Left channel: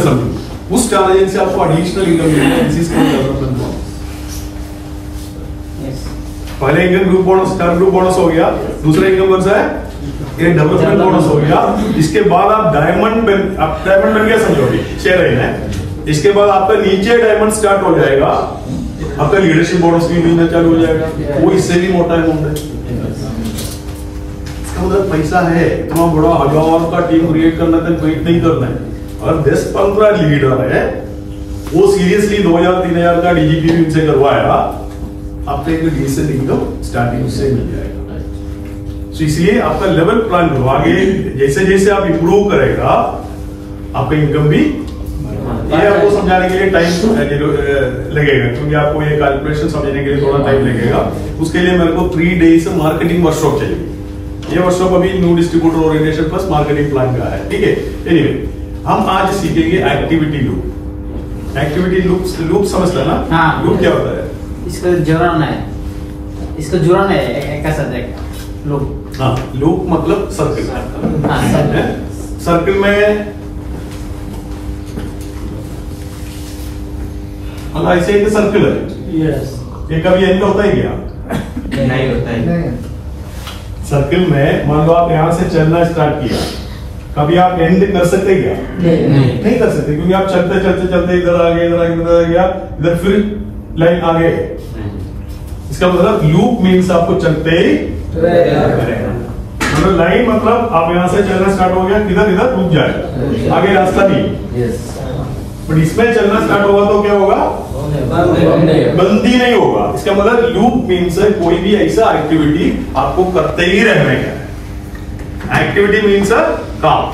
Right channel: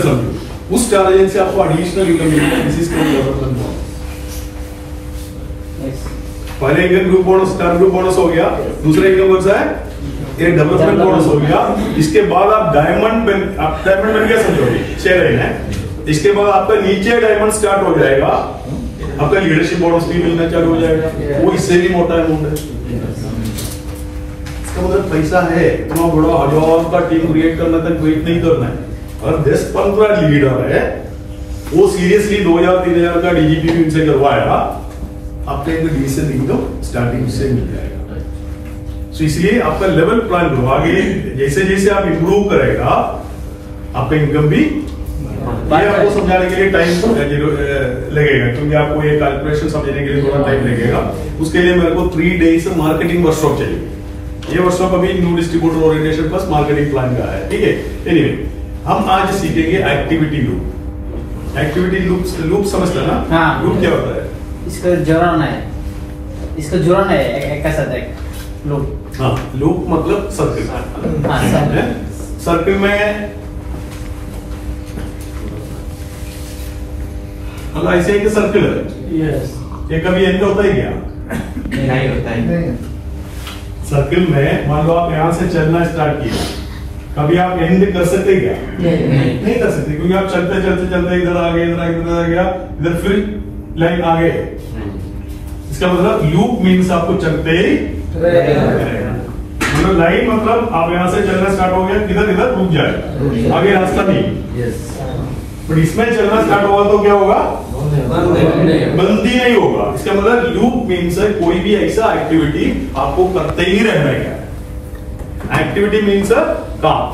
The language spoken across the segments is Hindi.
समझो उस टारगेट से आपको एडिशनल इनकम मिलेगा। This is called development bonus. पहले income group bonus, star group bonus हो गया, दूसरा इनकम कौन सा है, ये डेवलपमेंट बोनस हो गया। इसके बाद आप डायमंड बन गया समझोगे, शेयर है। इसके बाद आपका नीचे डायमंड स्टार्ट हो जाएगा, आपका लीडरशिप बोनस भी मिलना चालू हो जाएगा, वो इससे भी मोटा अमाउंट है। इसका मतलब पैसा है, इतना बड़ा 1000 का टीम क्रिएट करना तक वेट नहीं करना है। अगर 10-15 लीडर है, वो सीरियसली 2000-3000 का डीजीपी इनसे करवाया, आपको एक डिसेंट इनकम स्टार्टिंग से मिल जाएगा। तो इसलिए आपका लेवल प्लान करो, आगे जैसे जैसे आप इंप्रूव करेगा आपका इनकम भी। ये आपको समझाने के लिए टाइम लगेगा, क्योंकि आपको ये कैलकुलेशन समझने के लिए थोड़ा टाइम लगेगा। उसके लिए मेरे को 3 डेज मार्केटिंग वर्कशॉप चाहिए। ये वर्कशॉप अभी new distributor orientation plus marketing plan का है, ठीक है। एनीवे, हम आज सीखेंगे एक्टिविटी लूप। एक्टिविटी लूप समझता है ना? हाँ। लूप क्या होता है? इसको जोड़ना है, इसको जोड़ना है एक साथ एक लूप। हाँ, लूप मतलब सर्कल। सर्कल में मतलब ऐसे एक सर्कल है। यस। ये कभी एंड होता है क्या? नहीं होता है। सर्कल में मान लो आप यहाँ से चलना स्टार्ट किया, कभी आप एंड कर सकते क्या? नहीं कर सकते, क्योंकि आप चलते चलते चलते इधर आ गए, इधर आ गया, इधर फिर लाइन आगे। इसका मतलब लूप मीन्स आपको चलते ही मतलब लाइन मतलब आप यहाँ से चलना स्टार्ट हो गया, किधर इधर रुक जाएगा, आगे रास्ता नहीं। बट इसमें चलना स्टार्ट होगा तो क्या होगा? बंदी नहीं होगा। इसका मतलब लूप मीन्स है कोई भी ऐसा एक्टिविटी आपको करते ही रहना है। एक्टिविटी मीन्स काम।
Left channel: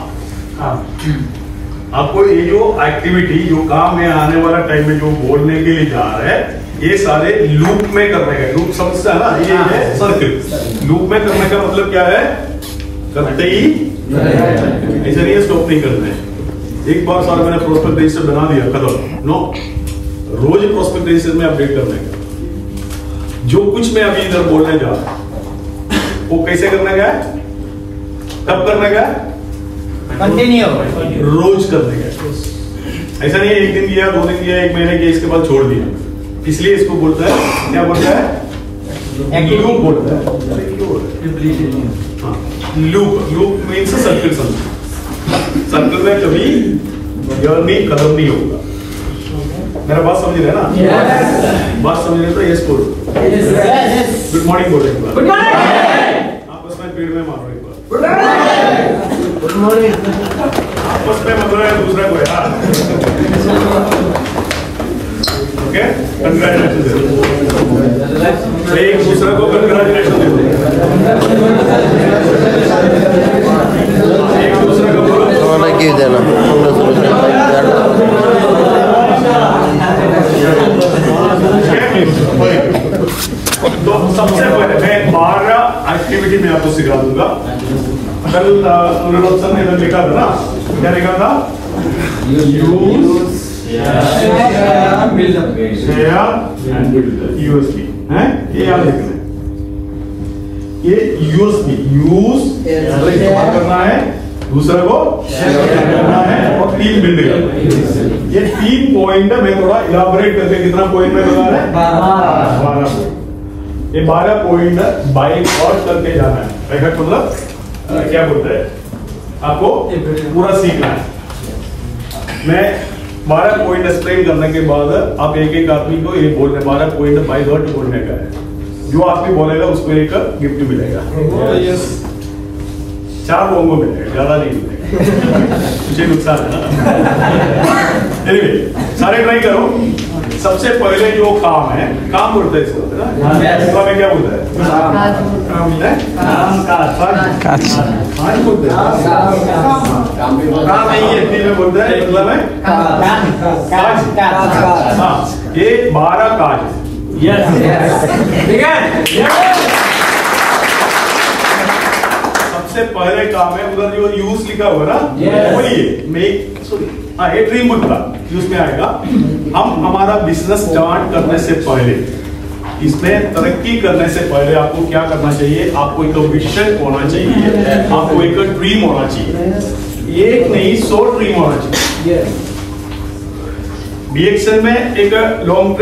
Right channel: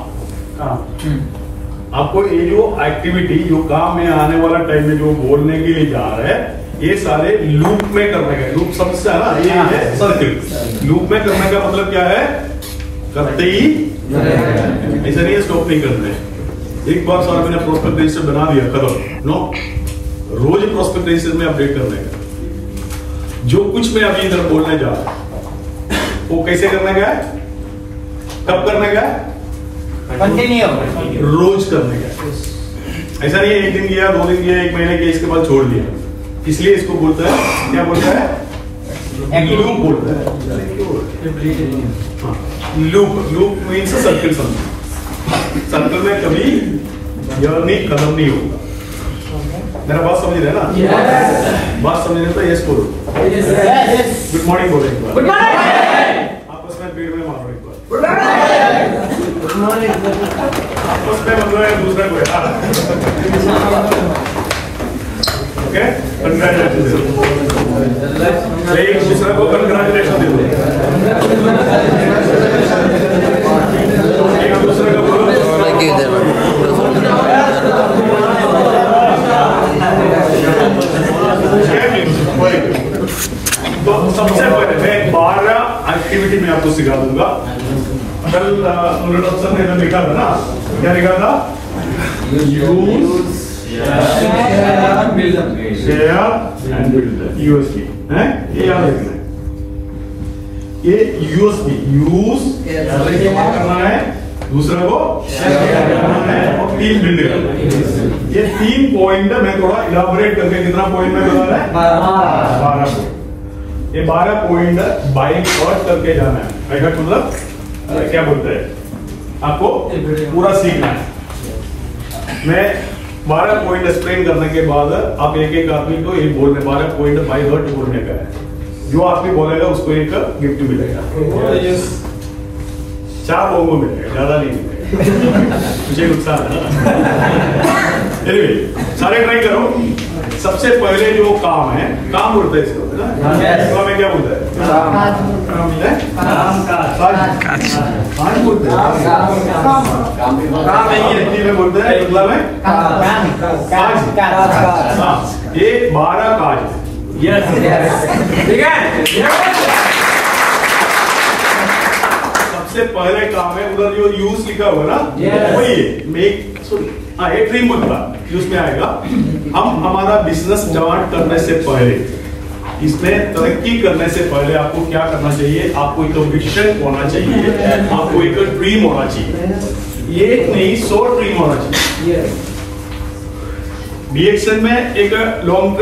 आपको ये जो एक्टिविटी जो काम में आने वाला टाइम में जो बोलने के लिए जा रहा है, ये सारे लूप में करने का। लूप समझता है ना? ये है सर्कल। लूप में करने का मतलब क्या है? करते ही, ऐसा नहीं है स्टॉप नहीं करना है। एक बार सारा मैंने प्रोस्पेक्ट रजिस्टर बना दिया, खत्म। नो, रोज प्रोस्पेक्ट रजिस्टर में अपडेट करने का। जो कुछ मैं अभी इधर बोलने जा रहा हूं वो कैसे करने का है, कब करने का है? कंटिन्यू रोज करने का। ऐसा नहीं है एक दिन किया, 2 दिन किया, 1 महीने किया, इसके बाद छोड़ दिया। इसलिए इसको बोलता है, क्या बोलता है? लूप बोलता है। Loop means circle. सर्कल में कभी जर्नी खत्म नहीं होगा। मेरा बात समझ रहे ना? बात समझ रहे तो यस बोलो। गुड मॉर्निंग बोलो एक बार। Good morning. आपस में पेड़ में मारो एक बार। Good morning. Good morning. आपस में मतलब है दूसरा कोई। Okay, congratulation. एक दूसरा को कंग्रेचुलेशन दे दो। एक दूसरे को बोलो। तो सबसे पहले मैं 12 एक्टिविटी में आपको सिखा दूंगा। कल सर ने इधर लिखा था ना, क्या लिखा था? यूएसपी है, ये याद रखना है। ये यूएसपी यूज करना है, दूसरा को करना है, और टीम बिल्ड करना है। ये 3 पॉइंट है। मैं थोड़ा इलाबोरेट करके कितना पॉइंट में बता रहा है? 12 पॉइंट। ये 12 पॉइंट बाई और करके जाना है। मतलब क्या बोलते हैं, आपको पूरा सीखना है। मैं 12 पॉइंट एक्सप्लेन करने के बाद आप एक एक आदमी को ये बोलने, 12 पॉइंट बाई हर्ट बोलने का है। जो आदमी बोलेगा उसको एक गिफ्ट मिलेगा। 4 लोगों को मिलेगा, ज्यादा नहीं मिलेगा। मुझे नुकसान है ना। Anyway, सारे ट्राई करो। सबसे पहले जो काम है, काम बोलते हैं इसको, हिंदी में क्या बोलते हैं? काज बोलते हैं। काम नहीं है, हिंदी में बोलते हैं, मतलब है काज। ये 12 काज है। ठीक है। सबसे पहले काम है, उधर जो यूज लिखा हुआ ना, वही है मेक, सॉरी ये ड्रीम बुक का यूज में आएगा। हम हमारा बिजनेस स्टार्ट करने से पहले, इसमें तरक्की करने से पहले आपको क्या करना चाहिए? आपको एक विजन होना चाहिए, आपको एक ड्रीम होना चाहिए। एक नहीं 100 ड्रीम होना चाहिए। बी एक्शन में एक लॉन्ग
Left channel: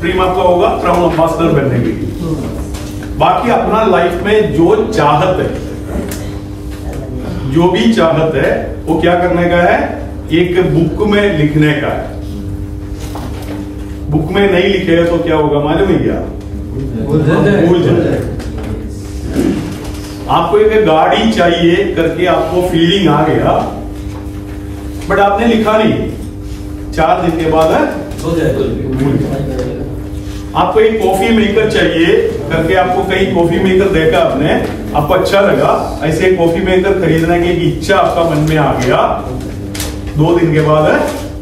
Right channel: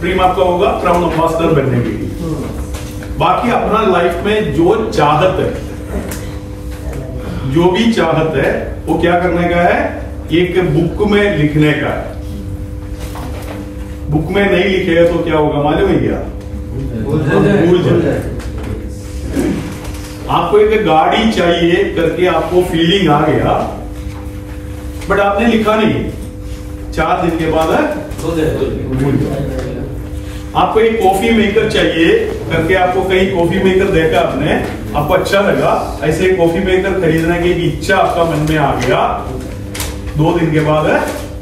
ड्रीम आपका होगा क्राउन एम्बेसडर बनने के लिए। बाकी अपना लाइफ में जो चाहत है, जो भी चाहत है वो क्या करने का है, एक बुक में लिखने का है। बुक में नहीं लिखेगा तो क्या होगा मालूम है क्या? भूल जाए। आपको एक गाड़ी चाहिए करके आपको फीलिंग आ गया, बट आपने लिखा नहीं, 4 दिन के बाद भूल जाए। आपको एक कॉफी मेकर चाहिए करके आपको कहीं कॉफी मेकर देखा आपने, आपको अच्छा लगा, ऐसे कॉफी मेकर खरीदने की इच्छा आपका मन में आ गया, 2 दिन के बाद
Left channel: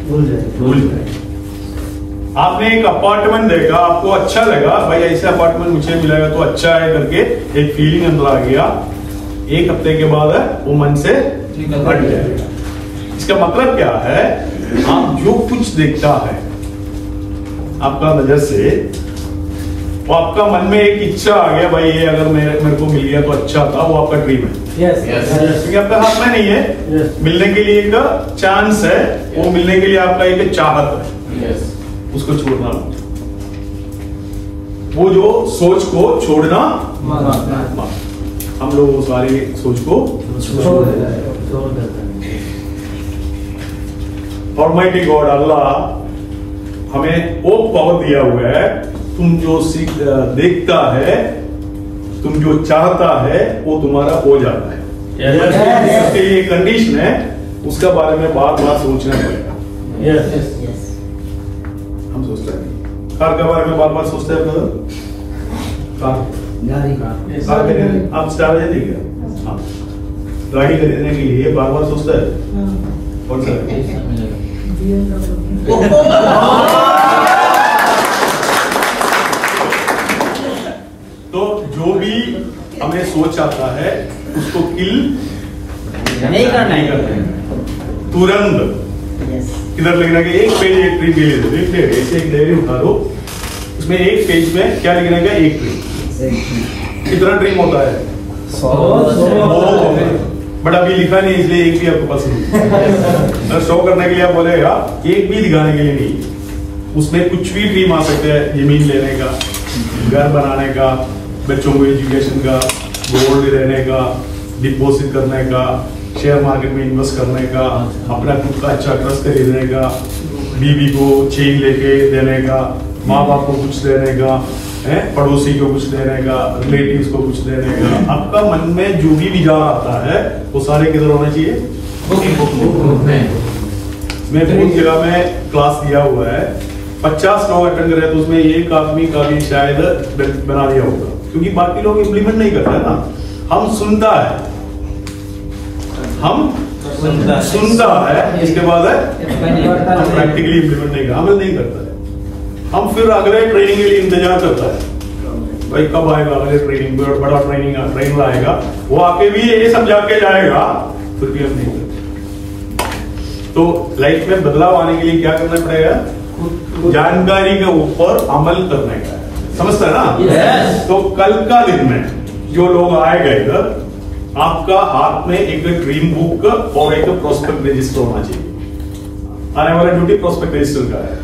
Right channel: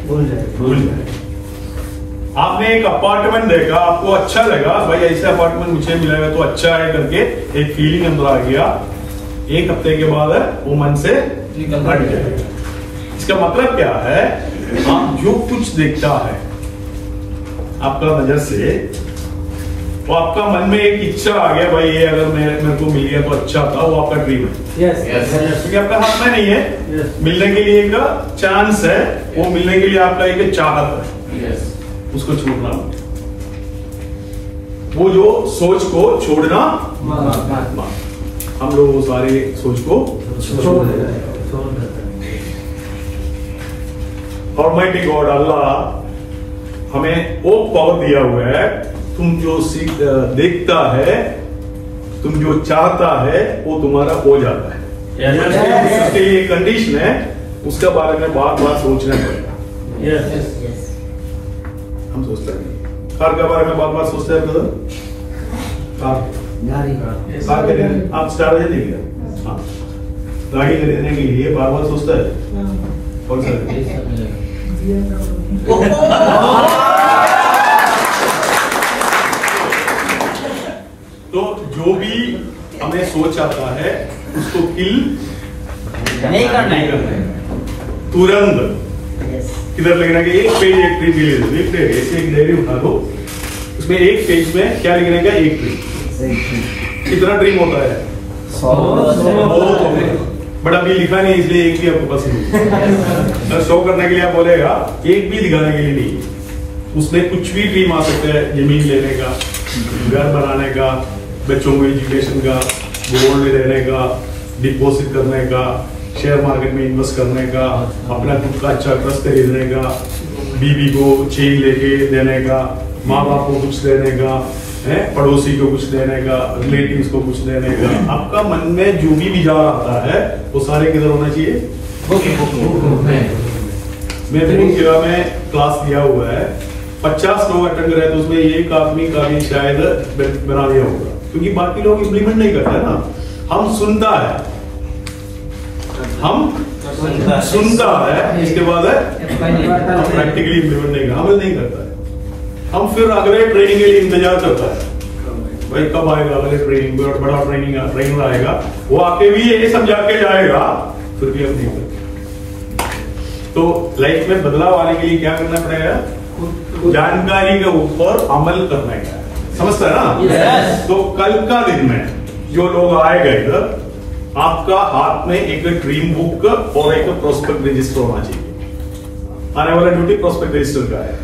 भूल जाए। आपने एक अपार्टमेंट देखा, आपको अच्छा लगा, भाई ऐसे अपार्टमेंट मुझे मिलेगा तो अच्छा है करके एक फीलिंग अंदर आ गया, 1 हफ्ते के बाद वो मन से हट जाएगा। इसका मतलब क्या है, आप जो कुछ देखता है आपका नजर से, वो आपका मन में एक इच्छा आ गया, भाई ये अगर मेरे को मिल गया तो अच्छा था, वो आपका ड्रीम है। क्योंकि आपके हाथ में नहीं है, मिलने के लिए एक चांस है, वो मिलने के लिए आपका एक चाहत है, उसको छोड़ना। वो जो सोच को छोड़ना, हम लोग वो सारे सोच को छोड़ देते। ऑलमाइटी गॉड अल्लाह हमें वो पावर दिया हुआ है, तुम जो देखता है, तुम जो चाहता है, वो तुम्हारा हो जाता है। इसके लिए कंडीशन है, उसका बारे में बार बार सोचना पड़ेगा। हम सोचते हैं कार के बारे में बार बार सोचते हैं। कार खरीदने आप स्टार एजेंट नहीं क्या? हाँ, गाड़ी खरीदने के लिए बार बार सोचता है कौन सा? तो जो भी हमें सोच आता है उसको किल नहीं करना है, तुरंत किधर लिखना कि एक पेज एक ट्री के लिए देख ले, ऐसे एक डायरी उठा लो, उसमें एक पेज में क्या लिखना है, एक ट्री। कितना ड्रीम होता है? 100। बट अभी लिखा नहीं, इसलिए एक भी आपके पास नहीं। शो करने के लिए आप बोलेगा, एक भी दिखाने के लिए नहीं। उसमें कुछ भी ड्रीम आ सकते हैं, जमीन लेने का, घर बनाने का, बच्चों को एजुकेशन का, गोल्ड लेने का, डिपॉजिट करने का, शेयर मार्केट में इन्वेस्ट करने का, अपना खुद का अच्छा ट्रस्ट खरीदने का, बीवी को चेन लेके देने का, माँ बाप को कुछ देने का, है पड़ोसी को कुछ देने का, रिलेटिव्स को कुछ देने का। आपका मन में जो भी विचार आता है वो सारे किधर होना चाहिए? मैं बहुत जगह में क्लास दिया हुआ है, 50 लोग अटेंड करे तो उसमें एक आदमी का भी शायद बना दिया होगा, क्योंकि बाकी लोग इम्प्लीमेंट नहीं करते ना। हम सुनता है, इसके बाद हम प्रैक्टिकली इम्प्लीमेंट नहीं करता, अमल नहीं करता है। हम फिर अगले ट्रेनिंग के लिए इंतजार करता है, भाई कब आएगा अगले ट्रेनिंग, बड़ा ट्रेनर आएगा, वो आके भी ये समझा के जाएगा, फिर भी हम नहीं करते। तो लाइफ में बदलाव आने के लिए क्या करना पड़ेगा? जानकारी के ऊपर अमल करने का, समझता है ना? तो कल का दिन में जो लोग आएगा इधर, आपका हाथ में एक ड्रीम बुक और एक प्रोस्पेक्ट रजिस्टर होना चाहिए। आने वाला ड्यूटी प्रोस्पेक्ट रजिस्टर का है।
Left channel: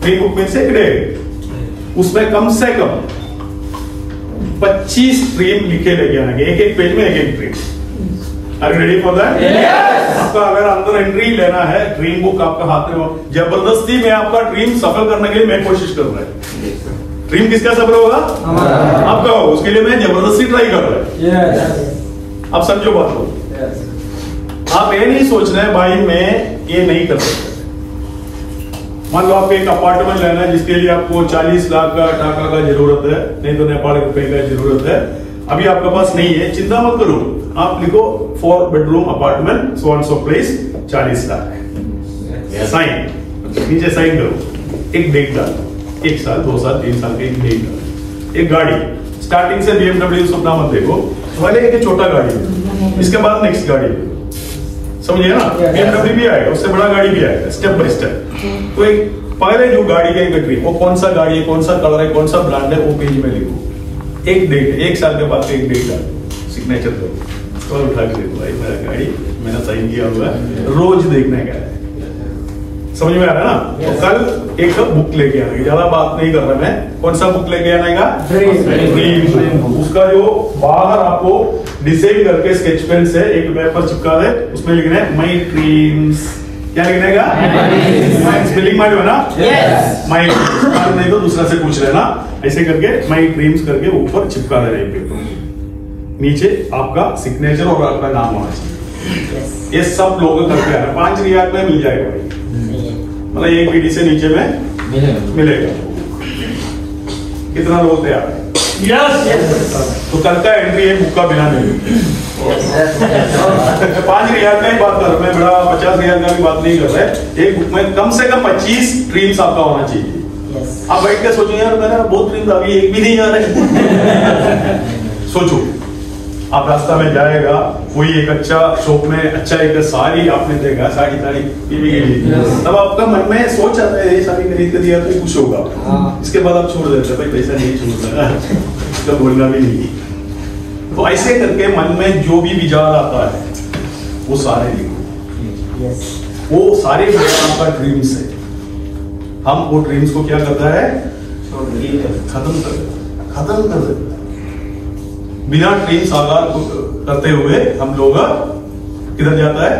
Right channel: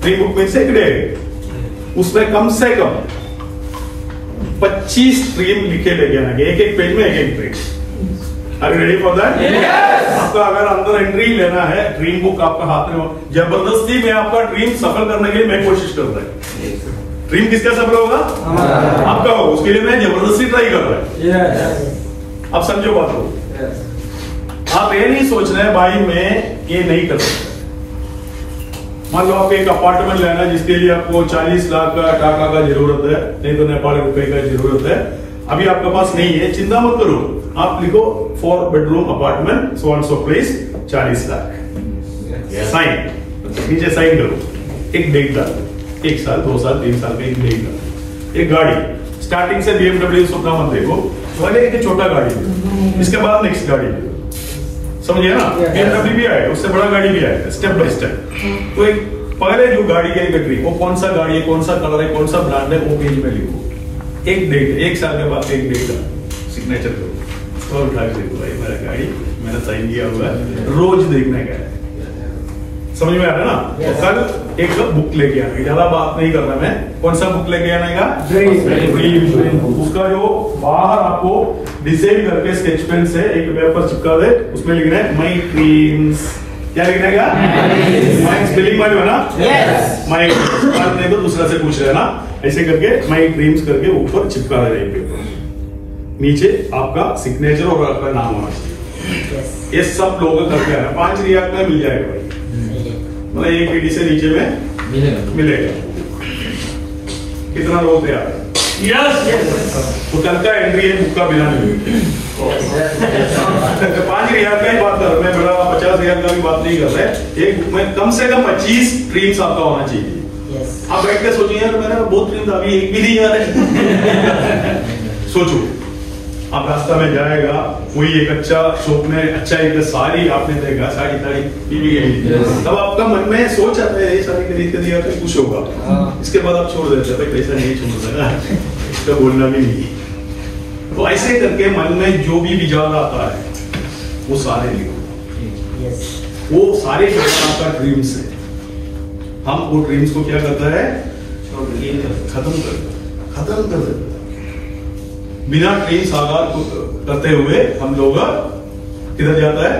ड्रीम बुक में से एक डे, उसमें कम से कम 25 ड्रीम लिखे लेके आना, एक पेज में एक ड्रीम। अरे रेडी फॉर दैट? आपका अगर अंदर एंट्री लेना है, ड्रीम बुक आपका हाथ में, जबरदस्ती में आपका ड्रीम सफल करने के लिए मैं कोशिश कर रहा हूं। ड्रीम किसका सफल होगा? आपका होगा, उसके लिए मैं जबरदस्ती ट्राई कर रहा हूं। आप समझो बात को। आप ये नहीं सोच रहे भाई मैं ये नहीं कर सकता। मान लो आपको एक अपार्टमेंट लेना है जिसके लिए आपको 40 लाख का टाका का जरूरत है, नहीं तो नेपाल रुपए का जरूरत है, अभी आपके पास नहीं है, चिंता मत करो, आप लिखो 4 bedroom apartment so and so place 40 lakh, sign, नीचे साइन करो, एक डेट डाल, 1 साल 2 साल 3 साल का एक डेट डाल। एक गाड़ी स्टार्टिंग से BMW सपना मत देखो, पहले एक छोटा गाड़ी है, इसके बाद नेक्स्ट गाड़ी है, समझिए ना? BMW भी आएगा, उससे बड़ा गाड़ी भी आएगा, स्टेप बाय स्टेप। तो एक पहले जो गाड़ी का एक ड्रीम, वो कौन सा गाड़ी है, कौन सा कलर है, कौन सा ब्रांड है, वो पेज में लिखो। एक डेट, 1 साल के बाद एक डेट डालो, सिग्नेचर करो, तो उठा के देखो भाई मेरा गाड़ी मैंने साइन किया हुआ है, रोज देखने का है, समझ में आ रहा है ना? तो कल एक बुक लेके आने, ज्यादा बात नहीं कर रहा मैं। कौन सा बुक लेके आने का? ड्रीम। उसका जो बाहर आपको डिजाइन करके स्केच पेन से एक पेपर चिपका दे, उसमें लिखना है माई ड्रीम्स। क्या लिखने का? माई स्पेलिंग माई हो ना? माई नहीं तो दूसरा से पूछ रहे ना, ऐसे करके माई ड्रीम्स करके ऊपर चिपका दे रहे पेपर, नीचे आपका सिग्नेचर और आपका नाम होना चाहिए। ये सब लोग करके आना, 5 रियाल में मिल जाएगा भाई, मतलब एक पीढ़ी से नीचे में मिलेगा। कितना लोग तैयार है? तो कल का एंट्री है बुक का बिना नहीं। 5 रियाल का ही बात कर रहा मैं, बड़ा 50 रियाल का भी बात नहीं कर रहा है। एक बुक में कम से कम 25 ड्रीम्स आपका होना चाहिए। आप बैठ के सोचो यार मैंने बहुत ड्रीम्स, अभी एक भी नहीं आ रहे। सोचो, आप रास्ता में जाएगा, कोई एक अच्छा शॉप में अच्छा एक साड़ी आपने देखा, साड़ी ताड़ी बीवी के लिए, तब आपका मन में सोच आता है ये साड़ी खरीद के दिया तो कुछ होगा। इसके बाद आप छोड़ देते हैं, पैसा नहीं छोड़ सकता, इसका बोलना भी नहीं। तो ऐसे करके मन में जो भी विचार आता है वो सारे लिखो। वो सारे विचार आपका ड्रीम्स है। हम वो ड्रीम्स को क्या करता है? खत्म कर देता है। बिना ड्रीम साकार करते हुए हम लोग किधर जाता है?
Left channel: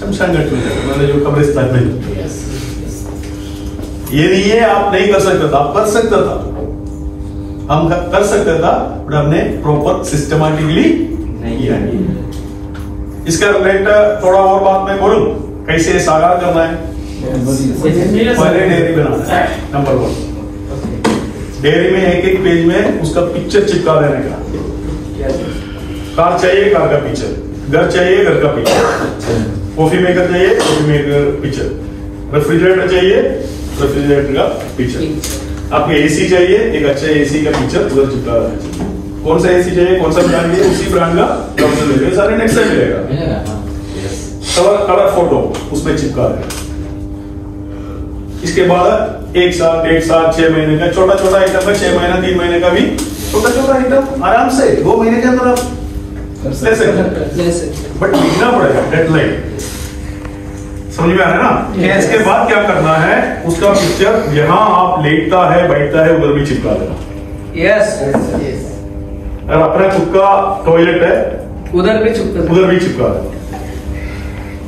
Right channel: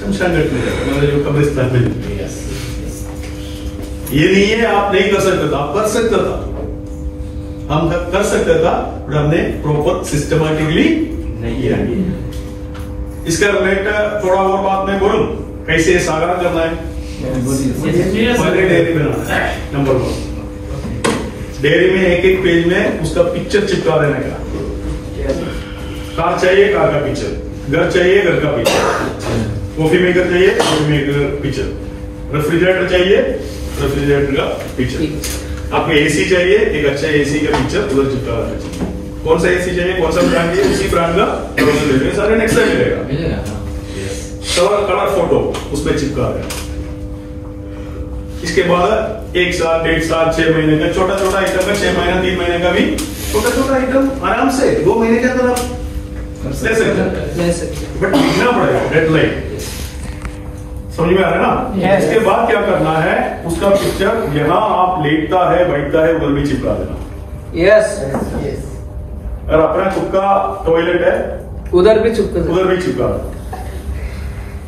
शमशान घाट में जाता है, मतलब जो कब्रिस्तान में। ये नहीं है आप नहीं कर सकते था, आप कर सकता था, हम कर सकते था, बट हमने प्रॉपर सिस्टमैटिकली नहीं किया। इसका रिलेटेड थोड़ा और बात मैं बोलूं, कैसे साकार करना है? पहले डेयरी बनाना है, नंबर 1। डेयरी में एक पेज में उसका पिक्चर चिपका देने का। कार चाहिए, कार का पिक्चर। घर चाहिए, घर का पिक्चर। कॉफी मेकर चाहिए, कॉफी मेकर पिक्चर। रेफ्रिजरेटर चाहिए, रेफ्रिजरेटर का पिक्चर। आपको एसी चाहिए, एक अच्छा एसी का पिक्चर उधर चिपका देना चाहिए। कौन सा एसी चाहिए, कौन सा ब्रांड चाहिए, उसी ब्रांड का ऑप्शन ले लीजिए, सारे नेक्स्ट से मिलेगा। कलर फोटो उसमें चिपका देना। इसके बाद 1 साल, 1.5 साल, 6 महीने का छोटा छोटा आइटम है, 6 महीना, 3 महीने का भी छोटा छोटा आइटम आराम से 2 महीने के अंदर आप ले सकते, बट लिखना पड़ेगा डेडलाइन। समझ में आ रहा है ना? इसके बाद क्या करना है? उसका पिक्चर जहां आप लेटता है, बैठता है, उधर भी चिपका देना। अगर अपना खुद का टॉयलेट है उधर भी चिपका देना।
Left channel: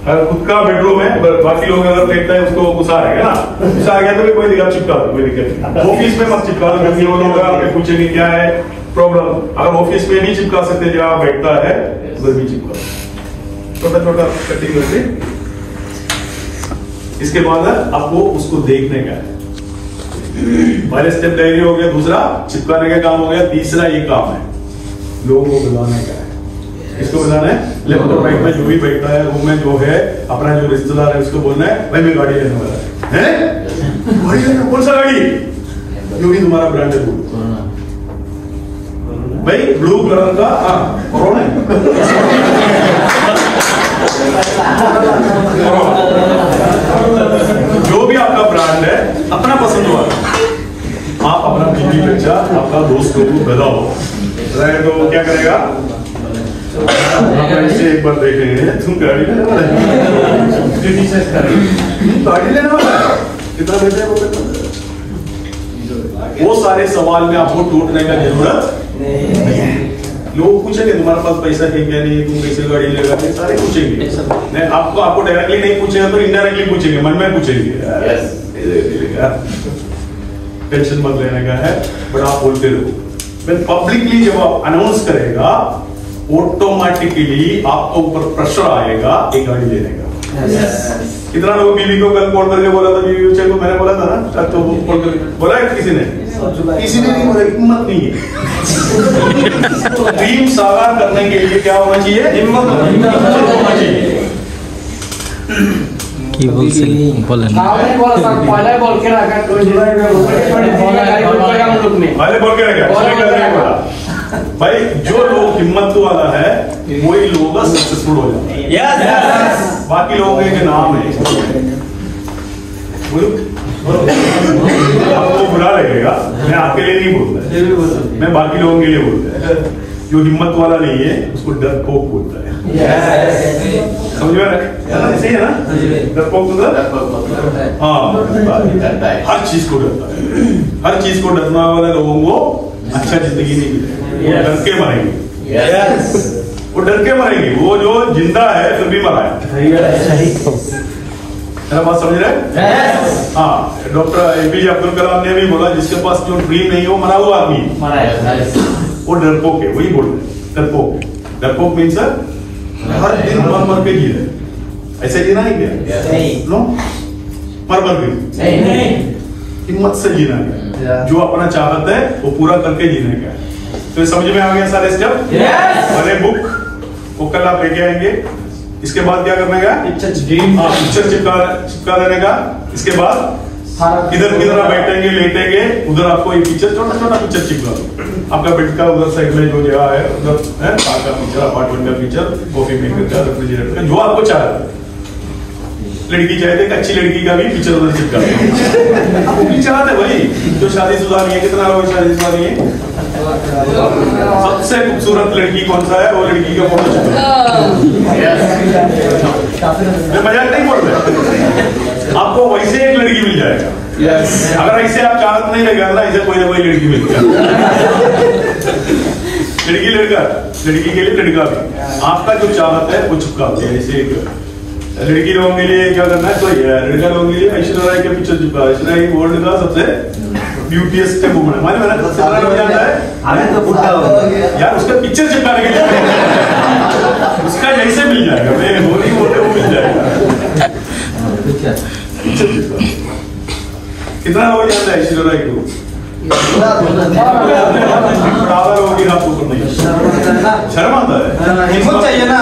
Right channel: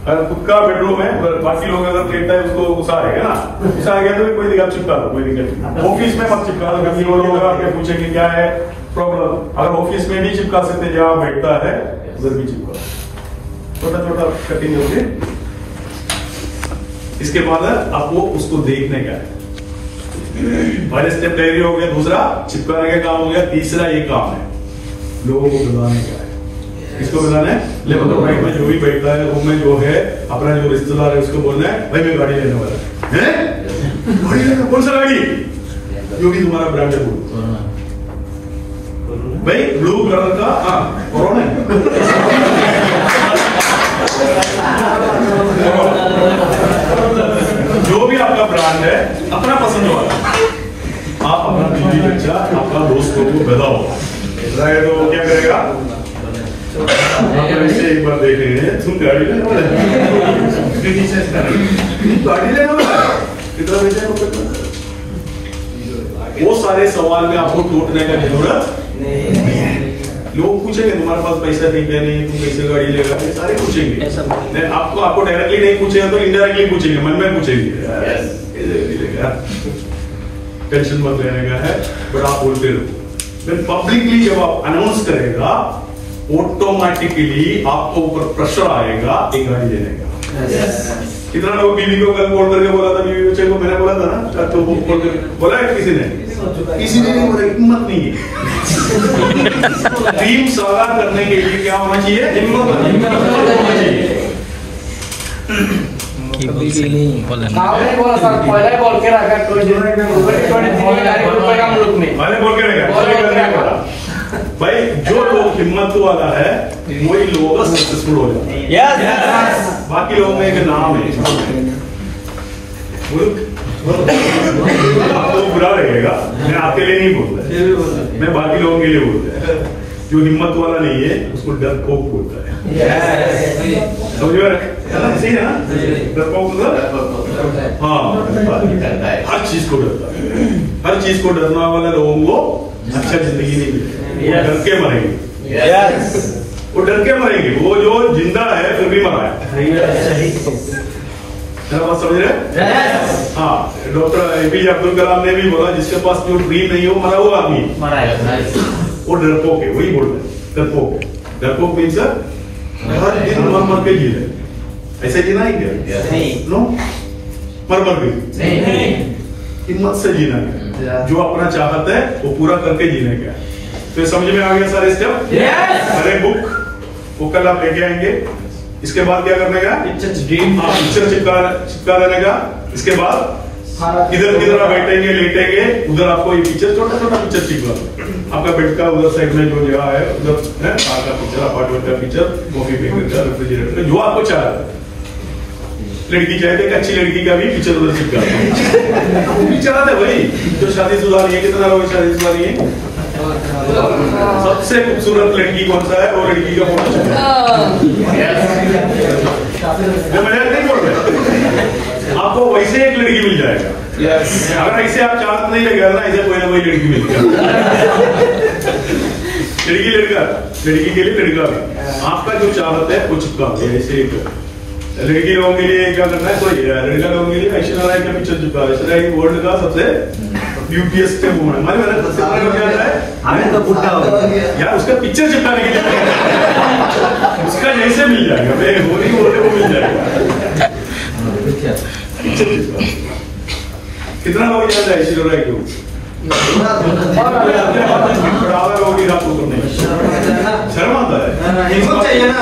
अगर खुद का बेडरूम है, बाकी लोग अगर लेटता है उसको गुस्सा आएगा ना, गुस्सा आ गया तो भी कोई दिक्कत, चिपका दो, कोई दिक्कत नहीं। ऑफिस में मत चिपका दो, क्योंकि वो लोग आके पूछेंगे क्या है प्रॉब्लम। अगर ऑफिस में नहीं चिपका सकते, जहां बैठता है उधर भी चिपका दो, छोटा छोटा कटिंग करके। इसके बाद आपको उसको देखने का है। पहले स्टेप डायरी हो गया, दूसरा चिपकाने का काम हो गया, तीसरा ये काम है लोगों को बुलाने का है। इसको बताना है लेफ्ट और राइट में जो भी बैठता है, रूम में जो है, अपना जो रिश्तेदार है उसको बोलना है भाई मैं गाड़ी लेने वाला है। गाड़ी लेना? कौन सा गाड़ी? जो भी तुम्हारा ब्रांड है भाई, ब्लू कलर का। कोरोना जो भी आपका ब्रांड है, अपना पसंद वाला, आप अपना बीवी बच्चा, आपका दोस्त को पैदा हो रहे तो क्या करेगा? एक बार देखेंगे, तुम गाड़ी लेने वाला है, गाड़ी लेने वाला है, कितना बेचा है? वो सारे सवाल में आपको टूटने का जरूरत नहीं है। लोग पूछेंगे तुम्हारे पास पैसा है क्या नहीं, तुम कैसे गाड़ी लेगा, सारे पूछेंगे। नहीं, आपको डायरेक्टली नहीं पूछेगा तो इनडायरेक्टली पूछेंगे, मन में पूछेंगे। टेंशन मत लेने का है, बट आप बोलते रहो। पब्लिकली जब आप अनाउंस करेगा, ऑटोमेटिकली आपको ऊपर प्रेशर आएगा एक गाड़ी लेने का। कितना लोग बीवी को कल कॉल करके बोला था, बीवी बच्चे को मैंने बोला था ना, तो वो कॉल करके बोला है किसी ने नहीं बोला, हिम्मत नहीं है। ड्रीम साकार करने के लिए क्या होना चाहिए? हिम्मत होना चाहिए। पहले बोल के रखा भाई, जो लोग हिम्मत वाला है वही लोग सक्सेसफुल हो जाते हैं। बाकी लोगों के नाम है, आपको बुरा लगेगा, मैं आपके लिए नहीं बोलता, मैं बाकी लोगों के लिए बोलता है। जो हिम्मत वाला नहीं है उसको डरपोक बोलता है। समझ में? ऐसे ही है ना, डरपोक तो हाँ हर चीज को डरता है, हर चीज को डरने वाले लोगों को अच्छा जिंदगी नहीं मिलेगी, वो डर के मरेंगे, वो डर के मरेंगे, वो जो जिंदा है फिर भी मरा है। मेरा बात समझ रहे हैं? हाँ, डॉक्टर APJ अब्दुल कलाम ने भी बोला जिसके पास जो ड्रीम नहीं है वो मरा हुआ आदमी, वो डरपोक है, वही बोल रहे डरपोक है। डरपोक मीन्स हर दिन मर मर के जी रहे, ऐसे जीना है क्या? नो, मर मर के हिम्मत से जीना है, जो अपना चाहत है वो पूरा करके जीने का है। तो समझ में आ गया सारे स्टेप? पहले बुक वो कल आप लेके आएंगे, इसके बाद क्या करने का? पिक्चर चिपका देने का। इसके बाद इधर किधर आप बैठेंगे लेटेंगे, उधर आपको ये पिक्चर छोटा छोटा पिक्चर चिपका दो, आपका बेड का उधर साइड में जो जगह है उधर है कार का पिक्चर, अपार्टमेंट का पिक्चर, कॉफी मेकर का, रेफ्रिजरेटर का, जो आपको चाहे। लड़की चाहते हैं अच्छी लड़की का भी पिक्चर उधर चिपका दो, चाहते वही जो शादीशुदा नहीं है। कितना लोग शादीशुदा नहीं है? सबसे खूबसूरत लड़की कौन सा है? वो लड़की का फोटो चिपका। मजाक नहीं बोल रहे, आपको वैसे एक लड़की मिल जाएगा। अगर ऐसे आप चाहत नहीं लगा ना, ऐसे कोई ना कोई लड़की मिल जाएगी। लड़की लड़का, लड़की के लिए लड़का भी, आपका जो चाहत है वो चिपका दे। ऐसे लड़की लोगों के लिए क्या करना है? तो लड़का लोगों के लिए ऐश्वर्या राय का पिक्चर चिपका। ऐश्वर्या राय वर्ल्ड का सबसे ब्यूटीएस्ट वुमन है, मालूम है ना? सबसे बड़ा क्या है यार, उसका पिक्चर चिपकाने के लिए उसका जैसे मिल जाएगा, वो मिल जाएगा। कितना हो जाता है ऐश्वर्या राय को? शर्म आता है, हिम्मत चाहिए ना।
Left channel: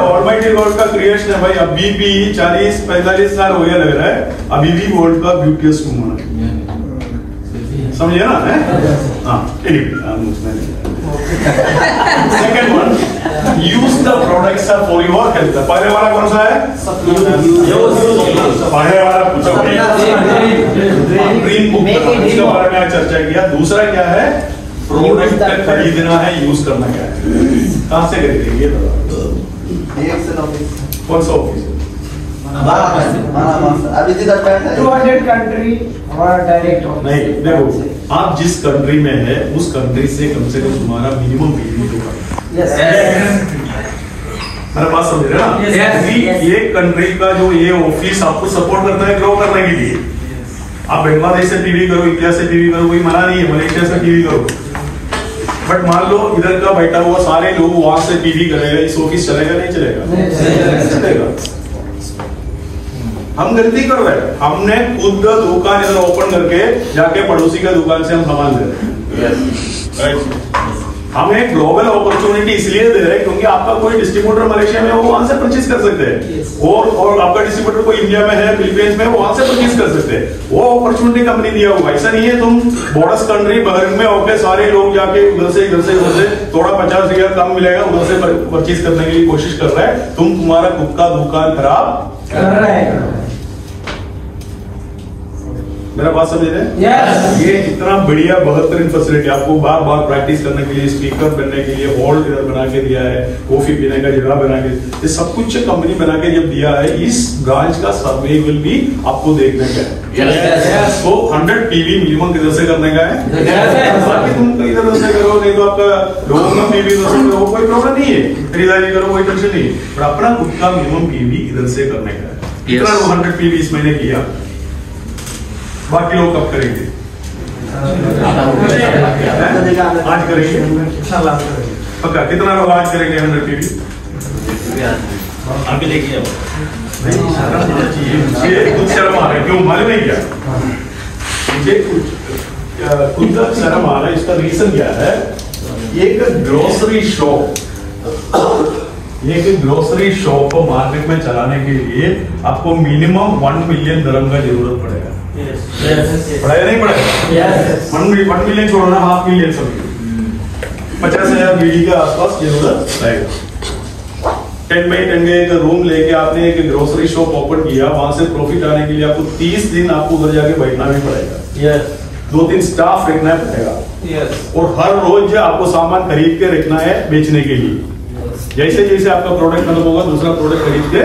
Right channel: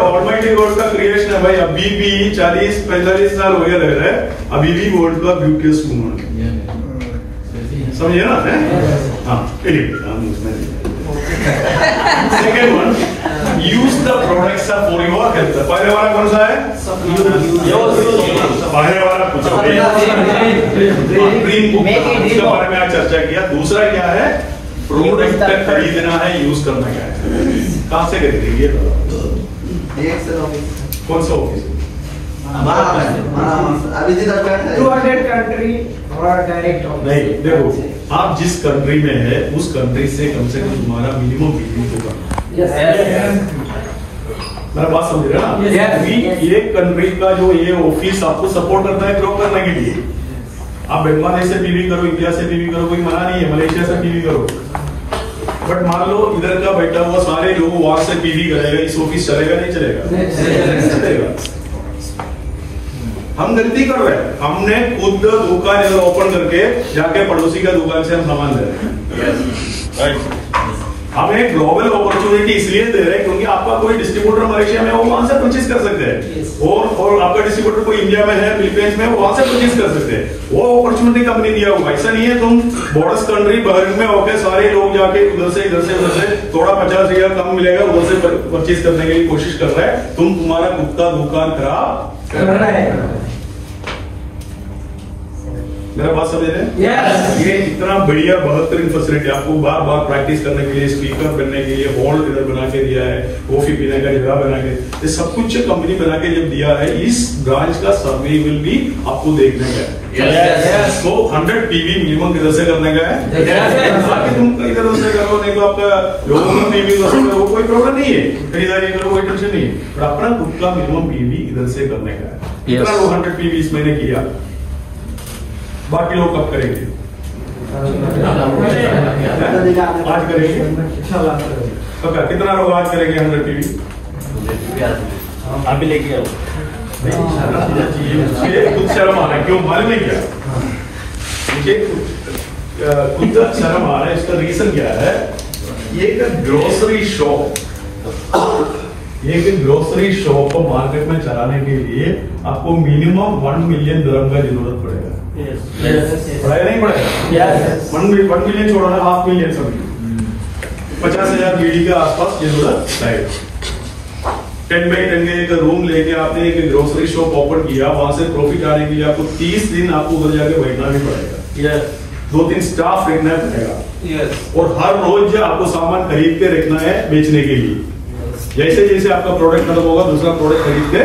ऑलमाइटी गॉड का क्रिएशन है भाई, अभी भी 40-45 साल हो गया लग रहा है, अभी भी वर्ल्ड का ब्यूटीएस्ट वुमन है, समझिए ना? हाँ, second one, use the products for your health. पहले वाला कौन सा है? पहले वाला पूछा ग्रीन बुक, इसके बारे में आज चर्चा किया। दूसरा क्या है? प्रोडक्ट खरीदना है, यूज करना क्या है? कहाँ से खरीदेंगे? कौन सा ऑफिस? 200 कंट्री डायरेक्ट नहीं, देखो आप जिस कंट्री में है उस कंट्री से कम तुम्हारा मिनिमम बिजनेस होगा। मेरा बात समझ रहे ना? ये कंट्री का जो ये ऑफिस आपको सपोर्ट करता है ग्रो करने के लिए। आप बांग्लादेश से टीवी करो, इंडिया से टीवी करो, कोई मना नहीं है, मलेशिया से टीवी करो, बट मान लो इधर का बैठा हुआ सारे लोग वहां से टीवी करेगा, इस ऑफिस चलेगा नहीं चलेगा? चलेगा। हम गलती कर रहे हैं, हमने खुद दुकान इधर ओपन करके जाके पड़ोसी का दुकान से हम सामान दे रहे हैं। हम एक ग्लोबल अपॉर्चुनिटी इसलिए दे रहे हैं क्योंकि आपका कोई डिस्ट्रीब्यूटर मलेशिया में हो, वहां से परचेज कर सकते हैं, और आपका डिस्ट्रीब्यूटर कोई इंडिया में है, फिलीपींस में, वहां से परचेज कर सकते हैं। वो अपॉर्चुनिटी कंपनी दिया हुआ। ऐसा नहीं है तुम बॉर्डर्स कंट्री बहरीन में होकर सारे लोग जाके उधर से थोड़ा 50 रियाल कम मिलेगा उधर से परचेज करने के लिए कोशिश कर रहे हैं। तुम्हारा खुद का दुकान खराब कर रहा है। मेरा बात समझ रहे हैं? ये इतना बढ़िया बेहतरीन फैसिलिटी आपको बार बार प्रैक्टिस करने के लिए, स्पीकर बनने के लिए हॉल इधर बना के दिया है, कॉफी पीने का जगह बना के, ये सब कुछ कंपनी बना के जब दिया है, इस ब्रांच का सर्वे विल भी आपको देखने का है। तो 100 टीवी मिनिमम किधर से करने का है? बाकी तुम इधर से करो, नहीं तो आपका लोगों का टीवी करो, कोई प्रॉब्लम नहीं है, खरीदारी करो, कोई टेंशन नहीं, पर अपना खुद का मिनिमम टीवी इधर से करने का है। कितना लोग 100 टीवी इस महीने किया? बाकी लोग कब करेंगे? आज करेंगे पक्का। कितना लोग आज करेंगे 100 टीवी? अभी लेके आओ। मुझे खुद शर्म आ रहा है, क्यों मालूम है क्या? मुझे खुद शर्म आ रहा है। इसका रीजन क्या है? ये एक ग्रोसरी शॉप, को मार्केट में चलाने के लिए आपको मिनिमम 1 मिलियन दिरहम का जरूरत पड़ेगा। पड़ेगा नहीं पड़ेगा? 1 मिलियन छोड़ो ना, 5 मिलियन समझो, 50,000 बीडी के आसपास जरूरत रहेगा। 10 बाई 10 का एक रूम लेके आपने एक ग्रोसरी शॉप ओपन किया, वहां से प्रॉफिट आने के लिए आपको 30 दिन आपको उधर जाके बैठना भी पड़ेगा। 2-3 स्टाफ रखना पड़ेगा, और हर रोज आपको सामान खरीद के रखना है बेचने के लिए। जैसे जैसे आपका प्रोडक्ट खत्म होगा दूसरा प्रोडक्ट खरीद के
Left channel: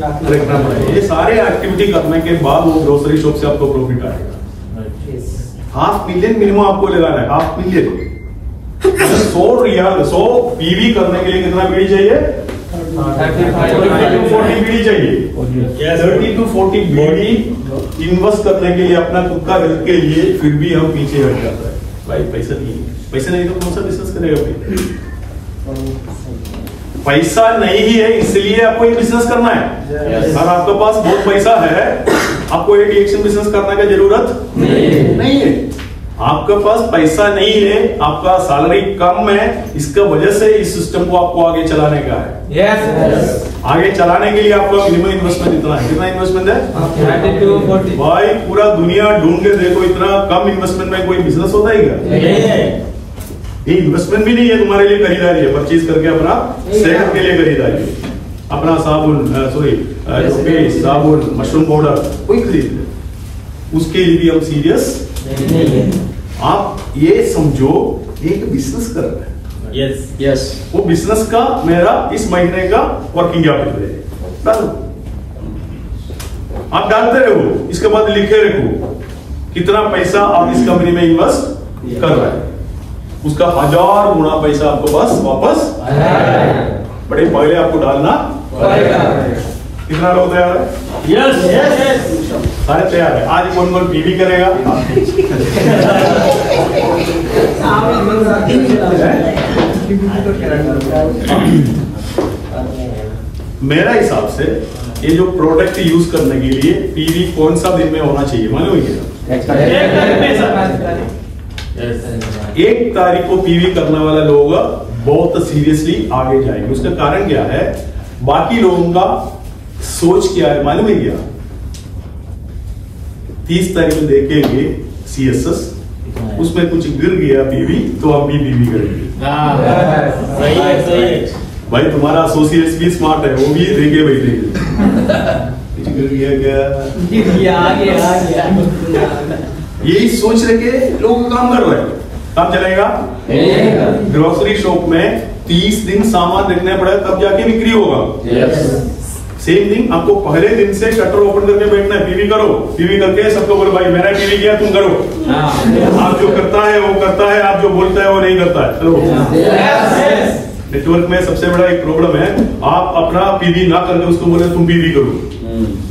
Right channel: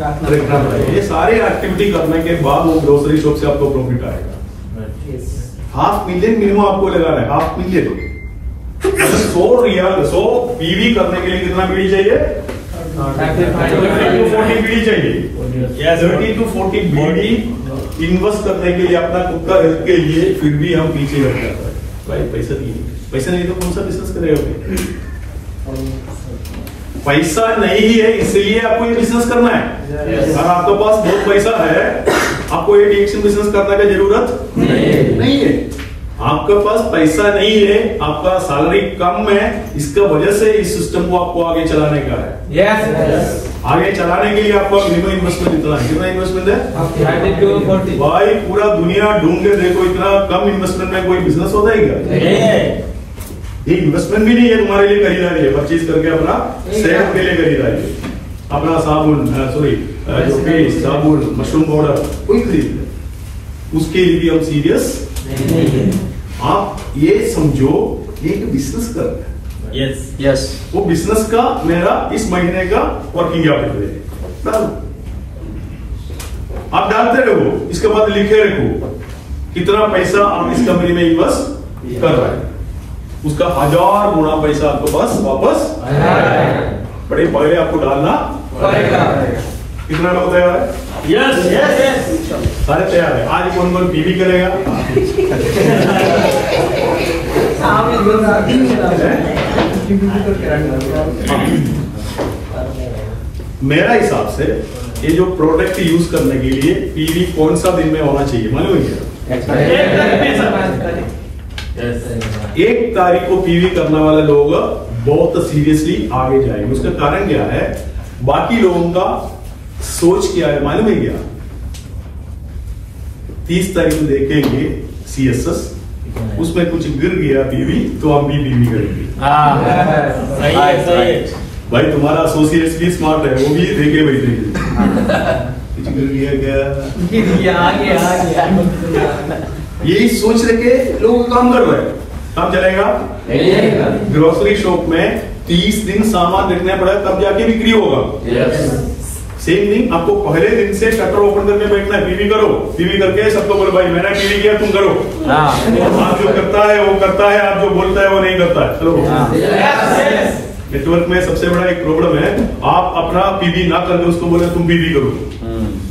रखना पड़ेगा। ये सारे एक्टिविटी करने के बाद वो ग्रोसरी शॉप से आपको प्रॉफिट आएगा। $500,000 मिनिमम आपको लगाना है, $500,000। 100 रियाल 100 पीवी करने के लिए कितना बीड़ी चाहिए? 30 to 40 बीड़ी चाहिए। 30 to 40 बीड़ी इन्वेस्ट करने के लिए अपना खुद का हेल्थ के लिए फिर भी हम पीछे रह जाता है। भाई पैसा नहीं तो कौन सा बिजनेस करेगा? पैसा नहीं है इसलिए आपको ये बिजनेस करना है। और आपके पास बहुत पैसा है, आपको ये डीएक्शन बिजनेस करने की जरूरत नहीं है। आपके पास पैसा नहीं है, आपका सैलरी कम है, इसका वजह से इस सिस्टम को आपको आगे चलाने का है। आगे चलाने के लिए आपका मिनिमम इन्वेस्टमेंट इतना है। कितना इन्वेस्टमेंट है? भाई पूरा दुनिया ढूंढ के देखो, इतना कम इन्वेस्टमेंट में कोई बिजनेस होता है क्या? ये इन्वेस्टमेंट भी नहीं है, तुम्हारे लिए खरीदारी है। परचेज करके अपना सेहत के लिए खरीदारी है। अपना साबुन जो पेस्ट, साबुन, मशरूम पाउडर कोई खरीद ले, उसके लिए भी हम सीरियस नहीं है। आप ये समझो एक बिजनेस कर रहे हैं। यस वो बिजनेस का मेरा इस महीने का वर्किंग कैपिटल है, आप डालते रहो, इसके बाद लिखे रखो कितना पैसा आप इस कंपनी में इन्वेस्ट कर रहे हैं। उसका 1000 गुना पैसा आपको पास वापस बड़े पहले आपको डालना पड़ेगा। कितना लोग तैयार है? यस सारे तैयार है। आज कौन कौन पीवी करेगा? मेरा हिसाब से ये जो प्रोडक्ट यूज करने के लिए पीवी कौन सा दिन में होना चाहिए मालूम है क्या? 1 तारीख को पीवी करने वाला लोग बहुत सीरियसली आगे जाएंगे। उसका कारण क्या है? बाकी लोगों का सोच क्या है मालूम है क्या? 30 तारीख को देखेंगे CSS, उसमें कुछ गिर गया पीवी तो हम भी पीवी करेंगे। भाई तुम्हारा एसोसिएट्स भी स्मार्ट है, वो भी देखे बैठेंगे कुछ गिर गया क्या, यही सोच रखे लोग काम कर रहे हैं। काम चलेगा? ग्रोसरी शॉप में 30 दिन सामान रखना पड़ेगा तब जाके बिक्री होगा। सेम थिंग आपको पहले दिन से शटर ओपन करके बैठना है, पीवी करो, पीवी करके सबको बोलो भाई मैंने पीवी किया तुम करो। आप जो करता है वो करता है, आप जो बोलता है वो नहीं करता है। चलो नेटवर्क में सबसे बड़ा एक प्रॉब्लम है, आप अपना पीवी ना करके उसको बोले तुम पीवी करो,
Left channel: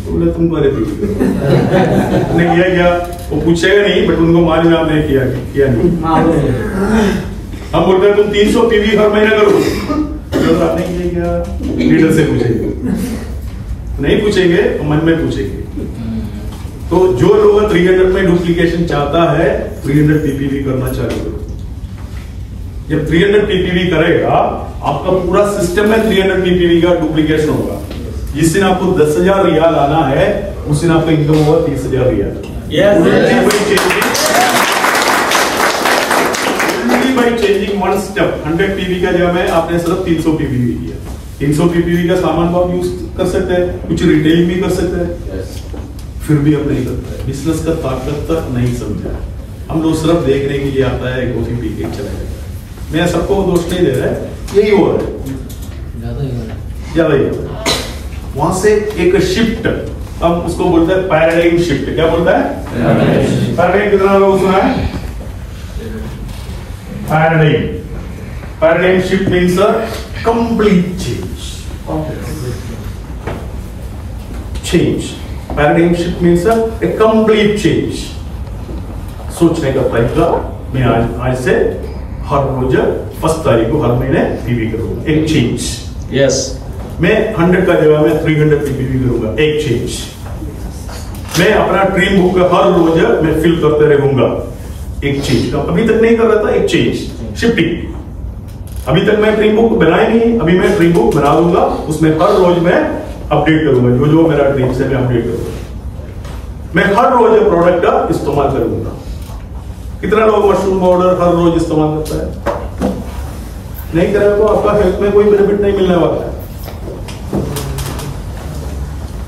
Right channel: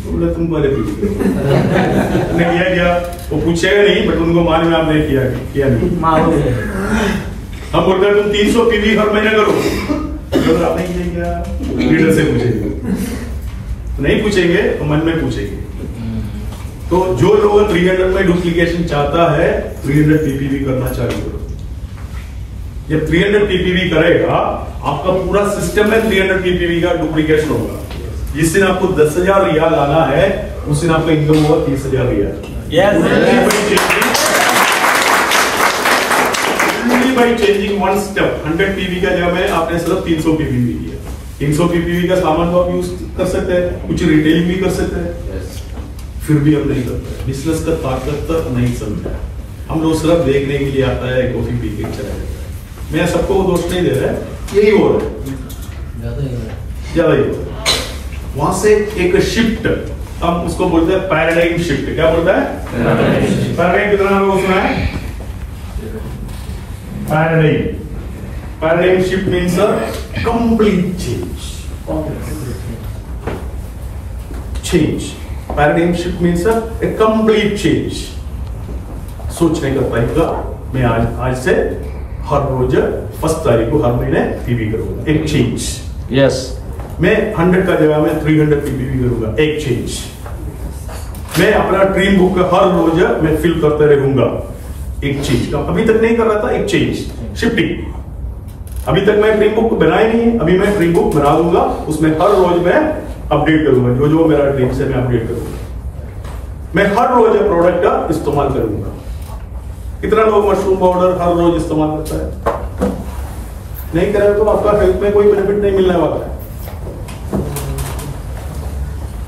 बोले तुम पहले पीवी करो। किया क्या वो पूछेगा नहीं, बट उनको मालूम है आपने किया नहीं। हम बोलते हैं तुम 300 पीवी हर महीने करो, तो आपने किया क्या? लीडर से पूछेंगे, नहीं पूछेंगे तो मन में पूछेंगे। तो जो लोग 300 में डुप्लीकेशन चाहता है 300 पीपीवी करना चालू करो। जब 300 पीपीवी करेगा आपका पूरा सिस्टम में 300 पीपीवी का डुप्लीकेशन होगा। जिस दिन आपको 10,000 रियाल आना है उस दिन आपका इनकम होगा 30,000 riyal. By changing one step 100 PV का जगह में आपने सिर्फ 300 पीपीवी किया। 300 पीपीवी का सामान तो आप यूज कर सकते हैं, कुछ रिटेलिंग भी कर सकते हैं, फिर भी हम नहीं करते। बिजनेस का ताकत नहीं समझा। हम लोग सिर्फ देखने के लिए आता है, कॉफी पी के चला जाता है। मैं सबको दोष नहीं दे रहा है, यही हो रहा है, ज्यादा ही हो रहा है। वहां से एक शिफ्ट, हम उसको बोलते हैं पैराडाइम शिफ्ट। क्या बोलता है पैराडाइम? कितना लोग सुना है paradigm? Paradigm shift means a complete change. Paradigm shift means a complete change. सोचने का तरीका। मैं आज से हर रोज 1 तारीख को हर महीने पीवी करूंगा, एक चेंज। यस मैं 100 का जगह में 300 पीवी करूंगा, एक चेंज। मैं अपना ड्रीम बुक हर रोज मैं फिल करते रहूंगा, एक चेंज। अभी तक नहीं कर रहा था, एक चेंज, शिफ्टिंग। अभी तक मैं ड्रीम बुक बनाई नहीं, अभी मैं ड्रीम बुक बना दूंगा, उसमें हर रोज मैं अपडेट करूंगा, जो जो मेरा ड्रीम से मैं अपडेट करूंगा। मैं हर रोज प्रोडक्ट का इस्तेमाल करूंगा। कितना लोग मशरूम पाउडर हर रोज इस्तेमाल करता है? नहीं करेगा तो आपका हेल्थ में कोई बेनिफिट नहीं मिलने वाला है।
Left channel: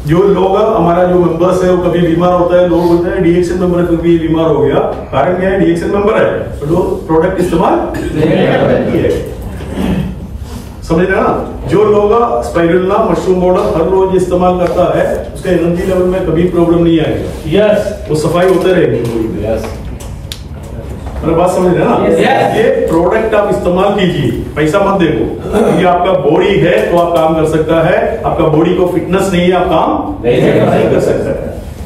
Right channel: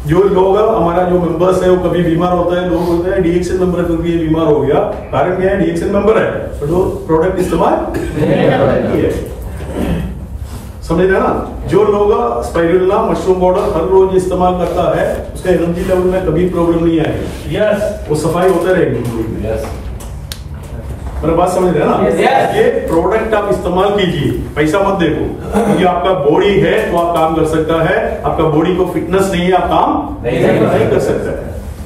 जो लोग हमारा जो मेंबर्स है वो कभी बीमार होता है, लोग बोलते हैं डीएक्शन मेंबर है क्योंकि ये बीमार हो गया। कारण क्या है? डीएक्शन मेंबर है तो प्रोडक्ट इस्तेमाल नहीं है। समझ रहे हैं ना? जो लोग स्पाइरुलिना मशरूम पाउडर हर रोज इस्तेमाल करता है उसका एनर्जी लेवल में कभी प्रॉब्लम नहीं आएगा। यस, वो सफाई होते रहेगी। यस, मेरा बात समझ रहे हैं ना? ये प्रोडक्ट आप इस्तेमाल कीजिए, पैसा मत देखो। ये आपका बॉडी है तो आप काम कर सकता है, आपका बॉडी को फिटनेस नहीं है आप काम नहीं कर सकता है।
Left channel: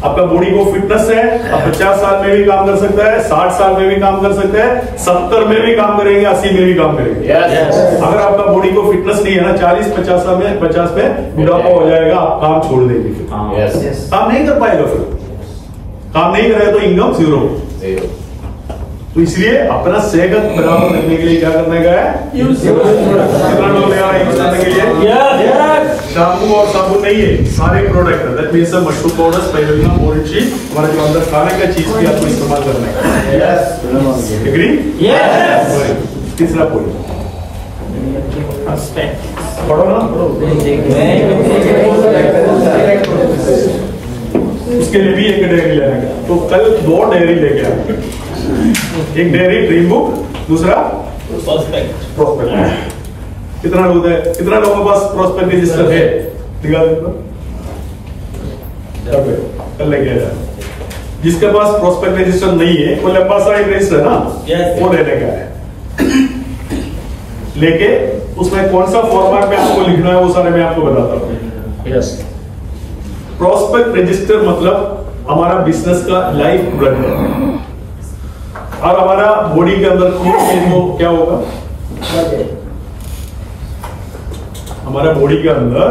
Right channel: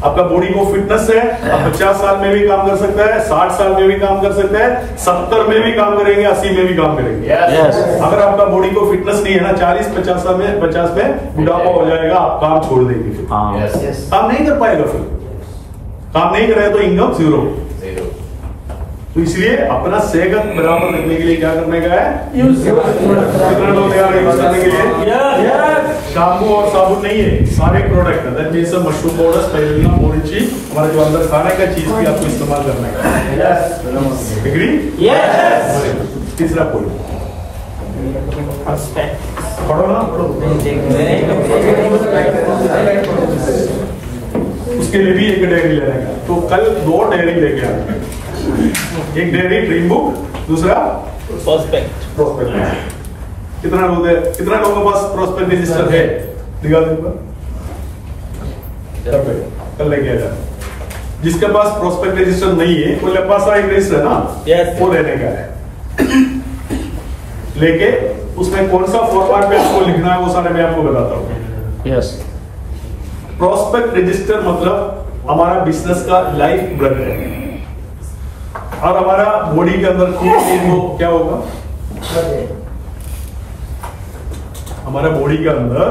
आपका बॉडी को फिटनेस है, आप 50 साल में भी काम कर सकता है, 60 साल में भी काम कर सकता है, 70 में भी काम करेंगे, 80 में भी काम करेंगे। अगर आपका बॉडी को फिटनेस नहीं है ना, 40-50 में बुढ़ापा हो जाएगा, आप काम छोड़ देंगे। काम नहीं कर पाएगा, फिर काम नहीं करेगा तो इनकम जीरो। तो इसलिए अपना सेहत बराबर रखने के लिए क्या करने का है? कितना लोग तैयार है यूज करने के लिए? शैम्पू और साबुन नहीं है, सारे product that means mushroom powder, spirulina, मोरिची, हमारा जो अंदर खाने का चीज भी आपको इस्तेमाल करना है। एग्री? यस। तीसरा पॉइंट पढ़ो ना, पढ़ो। उसके लिए भी एक डेयरी लेने का, तो कल 2 डेयरी लेके आए। एक डेयरी ड्रीम बुक, दूसरा प्रोस्पेक्ट। कितना लोग है, कितना लोगों के पास प्रोस्पेक्ट रजिस्टर है? दिखा दो कल लेके आ जाए। जिसके पास प्रोस्पेक्ट रजिस्टर नहीं है वो पास एक रजिस्टर है ना, वो लेने का है। लेके उसमें कौन सा फॉर्मेट में आपको लिखना है वो सारे मैं आपको बताता हूँ। यस, प्रोस्पेक्ट रजिस्टर मतलब हमारा बिजनेस का लाइफ ब्लड है, और हमारा बॉडी के अंदर खून है तो क्या होगा? हमारा बॉडी के अंदर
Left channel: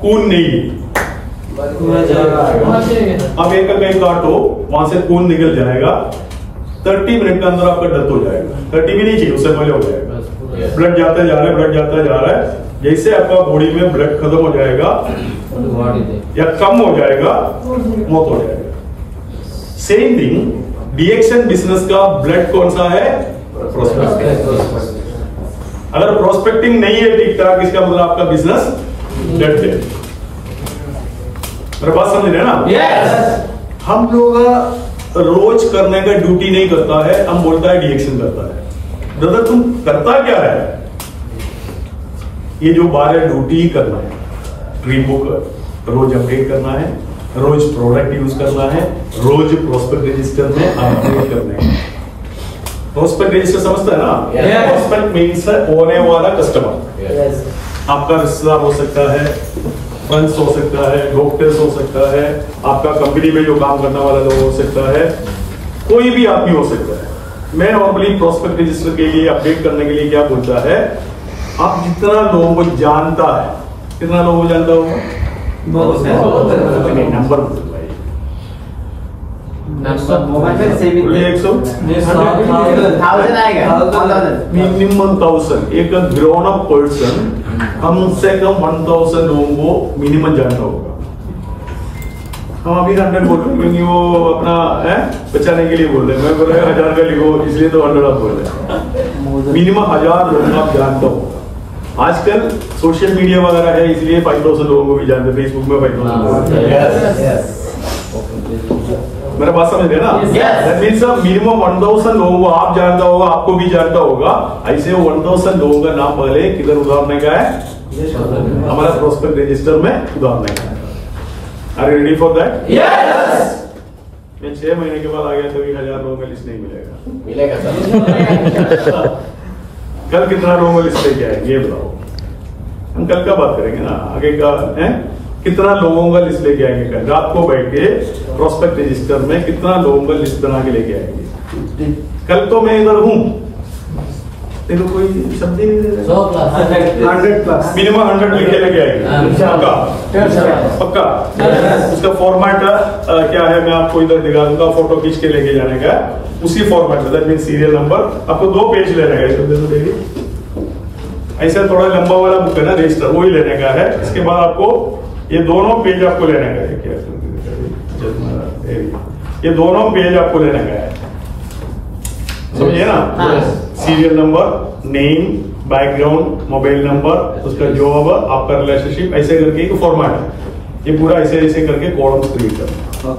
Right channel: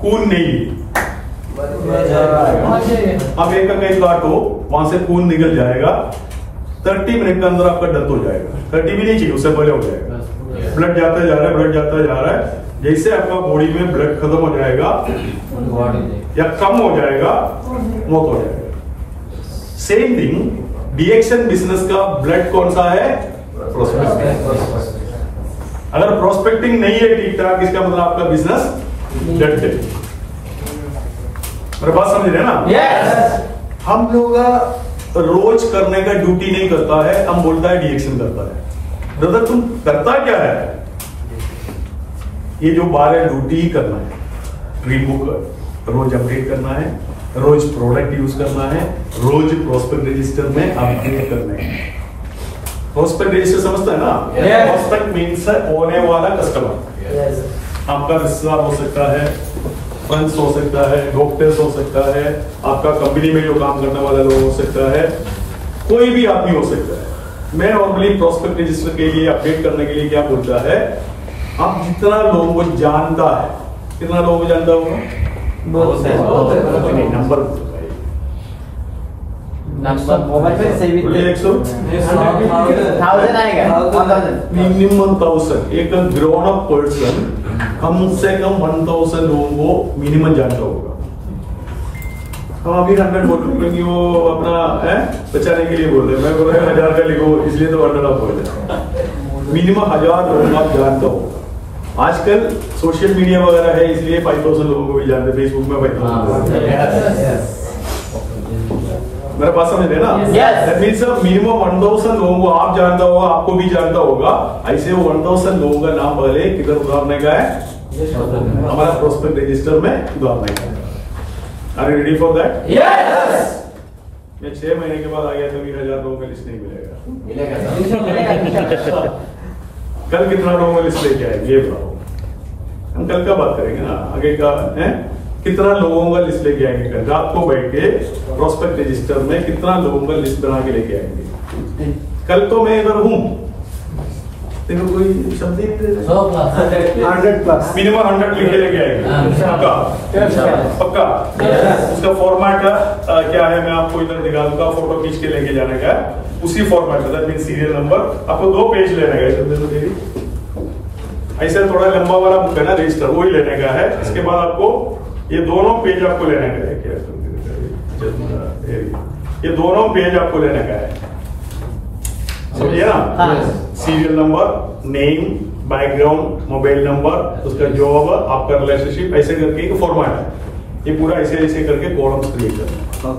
खून नहीं है, अब एक कहीं काटो वहां से खून निकल जाएगा, 30 मिनट के अंदर आपका डेथ हो जाएगा। 30 भी नहीं चाहिए, उससे पहले हो जाएगा। ब्लड जाता जा रहा है, ब्लड जाता जा रहा है, जैसे आपका बॉडी में ब्लड खत्म हो जाएगा या कम हो जाएगा, मौत हो जाएगा। सेम थिंग डीएक्शन बिजनेस का ब्लड कौन सा है? प्रोस्पेक्टिंग। अगर प्रोस्पेक्टिंग नहीं है ठीक ठाक, इसका मतलब आपका बिजनेस डेड है। मेरे बात समझ रहे हैं ना? yes. हम लोग रोज करने का ड्यूटी नहीं करता है, हम बोलता है डीएक्शन करता है। ब्रदर तुम करता क्या है? ये जो 12 ड्यूटी ही करना है, ड्रीम बुक रोज अपडेट करना है, रोज प्रोडक्ट यूज करना है, रोज प्रोस्पेक्ट रजिस्टर में अपडेट करना है। प्रोस्पेक्ट रजिस्टर समझता है ना? प्रोस्पेक्ट मीन्स होने वाला कस्टमर। आपका रिश्तेदार हो सकता है, फ्रेंड्स हो सकता है, डॉक्टर्स हो सकता है, आपका कंपनी में जो काम करने वाला लोग हो सकता है, कोई भी आदमी हो सकता है। मैं नॉर्मली प्रोस्पेक्ट रजिस्टर के लिए अपडेट करने के लिए क्या बोलता है, आप जितना लोगों को जानता है, कितना लोगों को जानता होगा? नंबर मिनिमम 1000, एक ग्रोन अप पर्सन कम से कम 1000 लोगों को मिनिमम जानता होगा। हम अभी 100 बोल रहे हैं क्योंकि वो अपना है बचाने के लिए बोल रहे हैं। मैं बोल रहा 1000 का लिखो इसलिए तो 100 आप बोल रहे हैं। मिनिमम 1000 लोग आप जानता हो। आजकल सोशल मीडिया वगैरह है इसलिए 5000 लोगों को भी जानते, फेसबुक में 5000। मेरा बात समझ रहे ना? दैट मींस मिनिमम 1000 लोगों को आप जानता होगा, आपको भी जानता होगा। ऐसे 1000 लोगों का नाम पहले किधर उतारने का है? हमारा प्रोस्पेक्ट रजिस्टर में उतारने का है। Are you ready for that? Yes. मैं 6 महीने के बाद आ गया कभी 1000 लोगों का लिस्ट नहीं मिलेगा। कल कितना लोगों को लिस्ट लेके आएंगे ये बताओ? हम कल का बात करेंगे ना, आगे का है कितना लोगों का लिस्ट लेके आएंगे। कल रात को बैठ के प्रोस्पेक्ट रजिस्टर में कितना लोगों का लिस्ट बना के लेके आएंगे। कल तो मैं इधर हूं, देखो कोई शब्द ही नहीं, 100+ मिनिमम 100 लिखे लेके आएंगे। पक्का पक्का। उसका फॉर्मेट क्या है मैं आपको इधर दिखा दूंगा, फोटो खींच के लेके जाने का उसी फॉर्मेट में। दैट मींस सीरियल नंबर आपको 2 पेज लेने का, ऐसा थोड़ा लंबा वाला बुक है ना रजिस्टर, वही लेने का है। इसके बाद आपको ये दोनों पेज आपको लेने का है। क्या ये दोनों पेज आपको लेने का है, समझिए ना? Serial number, name, background, mobile number, उसका जॉब, आपका रिलेशनशिप, ऐसे करके एक फॉर्मेट है। ये पूरा ऐसे ऐसे करके कॉलम्स क्रिएट करना।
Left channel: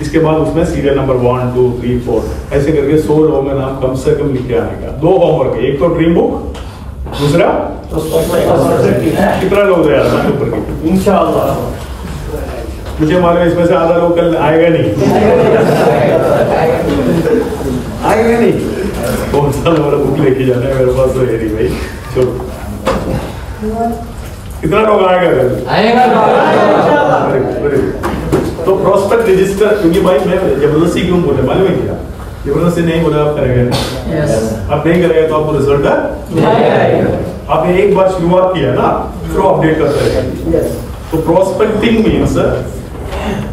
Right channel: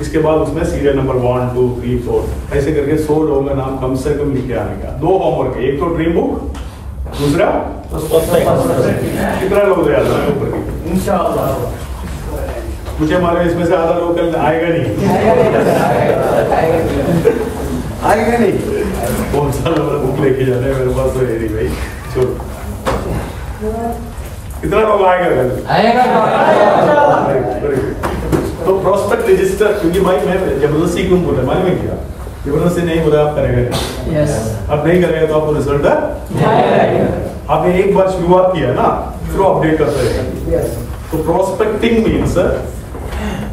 इसके बाद उसमें सीरियल नंबर 1 2 3 4 ऐसे करके 100 लोगों का नाम कम से कम लिख के आने का। 2 होमवर्क है, एक तो ड्रीम बुक दूसरा कितना लोग यार ऊपर की इंशाअल्लाह। मुझे मालूम है इसमें से आधा लोग कल आएगा नहीं आएगा नहीं। कौन सा वाला बुक लेके जाना है मेरे पास तो है नहीं भाई, छोड़ो। कितना लोग आएगा कल? तो प्रोस्पेक्ट रजिस्टर, क्योंकि भाई मैं जबरदस्ती क्यों बोला मालूम है क्या? जबरदस्ती नहीं बोला आप करेगा नहीं, आप नहीं करेगा तो आपको रिजल्ट आपने एक बार शुरुआत किया ना फिर अपडेट करते रहेगा। तो प्रोस्पेक्टिंग मीन्स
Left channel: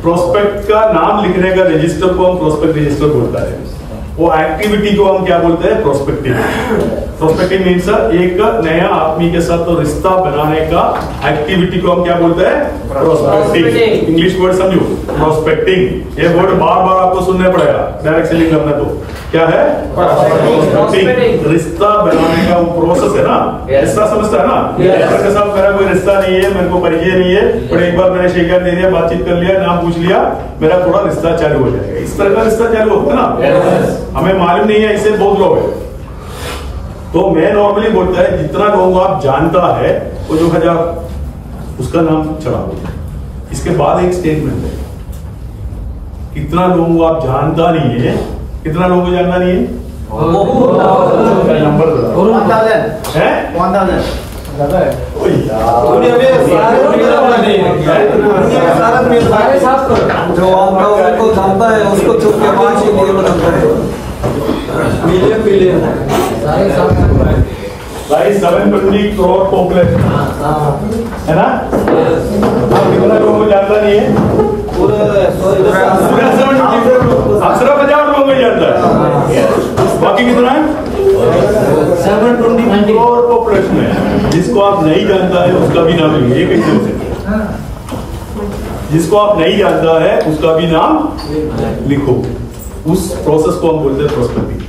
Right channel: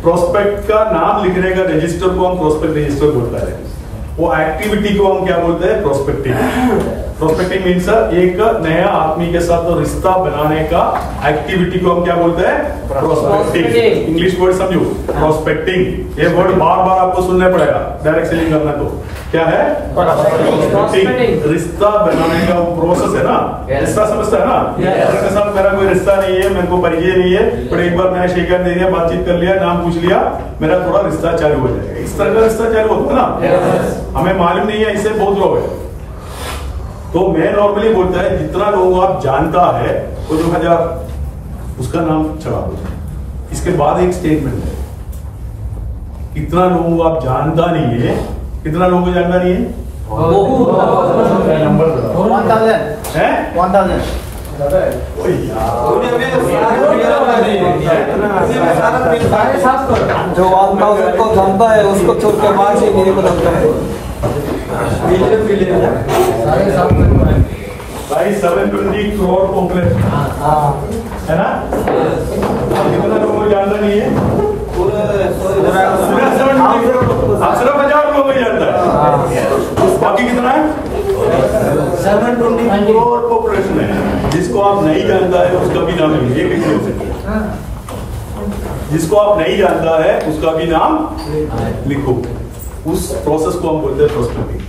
प्रोस्पेक्ट का नाम लिखने का रजिस्टर को हम प्रोस्पेक्ट रजिस्टर बोलता है। वो एक्टिविटी को हम क्या बोलते हैं? प्रोस्पेक्टिंग। प्रोस्पेक्टिंग मीन्स एक नया आदमी के साथ तो रिश्ता बनाने का एक्टिविटी को हम क्या बोलते हैं? प्रोस्पेक्टिंग। इंग्लिश वर्ड समझो, प्रोस्पेक्टिंग। ये वर्ड बार बार आपको सुनना पड़ेगा डायरेक्ट सेलिंग करना। तो क्या है? प्रोस्पेक्टिंग। रिश्ता बनाने का वो प्रोसेस है ना, रिश्ता समझता है ना? मेरे साथ मेरा कोई रिश्ता नहीं है, मेरे को परिचय नहीं है, पर एक बार मैंने शिकायत दे दिया, बातचीत कर लिया, नाम पूछ लिया, मेरा थोड़ा रिश्ता चालू हो जाएगा। इस तरह का रिश्ता चालू होता है ना। हमें मालूम नहीं है, ऐसे बहुत लोग हैं। तो मैं नॉर्मली बोलता है जितना लोगों आप जानता है वो जो 1000 उसका नाम चढ़ा दो। इसके बाद एक स्टेटमेंट है, कितना लोगों आप जानता नहीं है, कितना लोगों को जानना नहीं है? नंबर बताओ। 1000 है 1000। जो को जानता है उसको छोड़ के बाकी नहीं बताता है। भाई 720 करोड़ पॉपुलेशन है ना? कितना लोगों को जानता नहीं है? आप सिर्फ 1000 लोगों को जानता है, बाकी कितना है? 720 करोड़ पॉपुलेशन है। जिसको आप नहीं जानता है उसका भी नाम लिखो। ये कैसे हो सकता है? जिसको आप नहीं जानता है उसका भी नाम लिखो। उस प्रोसेस को हम बोलते हैं प्रोस्पेक्टिंग।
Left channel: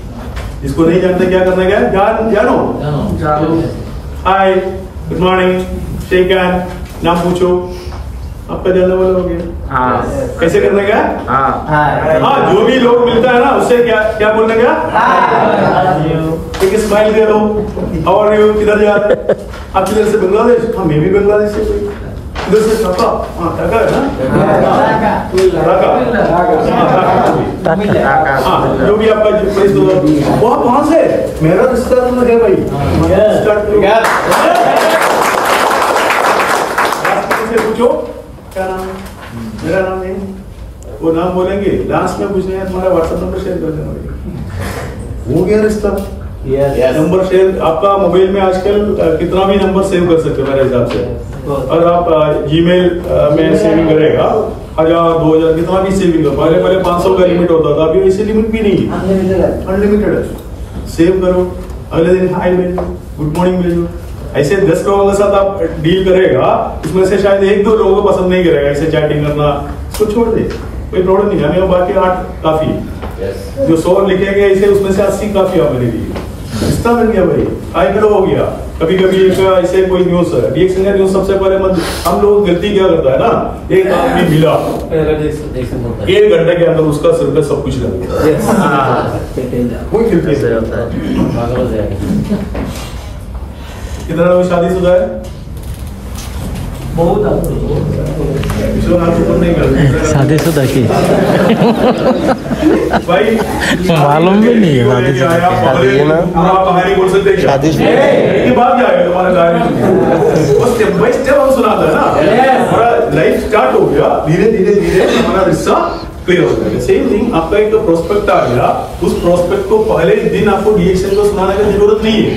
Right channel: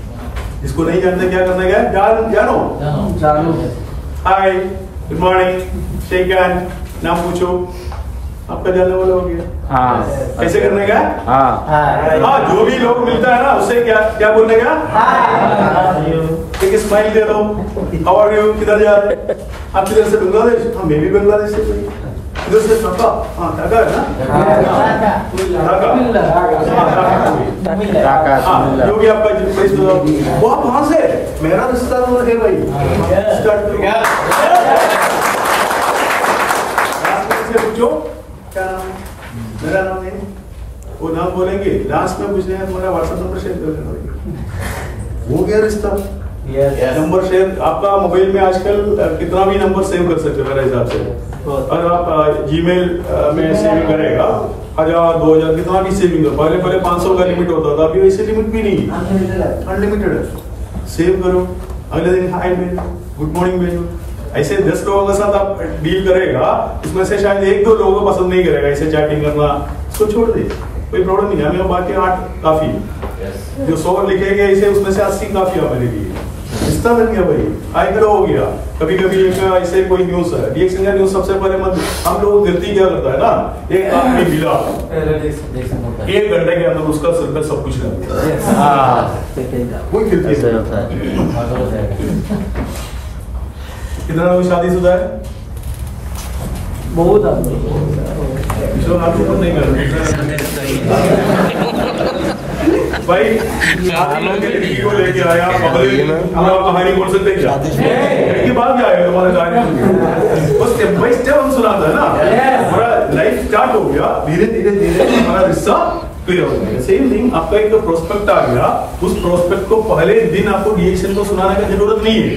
जिसको नहीं जानते क्या करना है? जानो। हाय, गुड मॉर्निंग, शेक हैंड, नाम पूछो, आपका जानने वाला हो गया। कैसे करने का? हाँ, जो भी लोग मिलता है ना उससे क्या क्या बोलने का? एक स्माइल दे दो। How are you? किधर जा रहे? आप किधर से? बांग्लादेश? हाँ, मैं भी बांग्लादेश से। इधर से ढाका? हाँ, ढाका है ना? ढाका। हाँ, जो भी आपका प्लेस वो आप वहां से मेरा रिश्ता तो है भाई। पूछो क्या नाम है? मेरा नाम है, वो नाम बोलेंगे, लास्ट में पूछने हैं तुम्हारा व्हाट्सएप नंबर शेयर कर देना। हो गया रिश्ता। Number share. आपका मोबाइल में आजकल कितना भी नंबर सेव कर सकते हैं मेरे हिसाब से। और आप जीमेल में सेविंग करेगा 1000 2000 कितना भी सेविंग करो। पहले 500 का लिमिट होता था, अभी ऐसे लिमिट भी नहीं, अनलिमिटेड है। सेव करो, अगले दिन हाय भेजो, गुड मॉर्निंग भेजो। ऐसे 10 लोगों के साथ आप डील करेगा, उसमें से शायद 1-2 लोगों को पसंद नहीं करेगा ऐसे चैटिंग करना, उसको छोड़ दे, कोई प्रॉब्लम नहीं है। हमें बाकी 8 काफी। जो 100 लिखेंगे ऐसे उसमें से 80 काफी है मेरे लिए। रिश्ता बन गया भाई, हाय हेलो हो गया। कभी कभी एक ऐसे कोई न्यूज है, रिएक्शन का न्यूज सबसे पहले हम लोग गलती क्या करता है ना, एक आदमी मिला 1 घंटे के अंदर उसका सिर का सब कुछ लग गया। कोई गलती नहीं। कितना लोग शादीशुदा है? बहुत हाथ ऊपर नहीं कर भाई। लड़की को लेके आया पूरा कहानी बोल सकते क्या? लड़की बात क्या है तुम्हारा कहानी? वो स्टेप बाय स्टेप हम सुनाते हैं ना। हमारा लाइफ स्टार्ट हो गया, धीरे धीरे धीरे हमारा रिश्ता क्लियर हो गया। सेम थिंग, आपका एक प्रोस्पेक्ट आ गया, उस प्रोस्पेक्ट को पहले दिन आपको रिएक्शन को सुनाने की जरूरत नहीं है।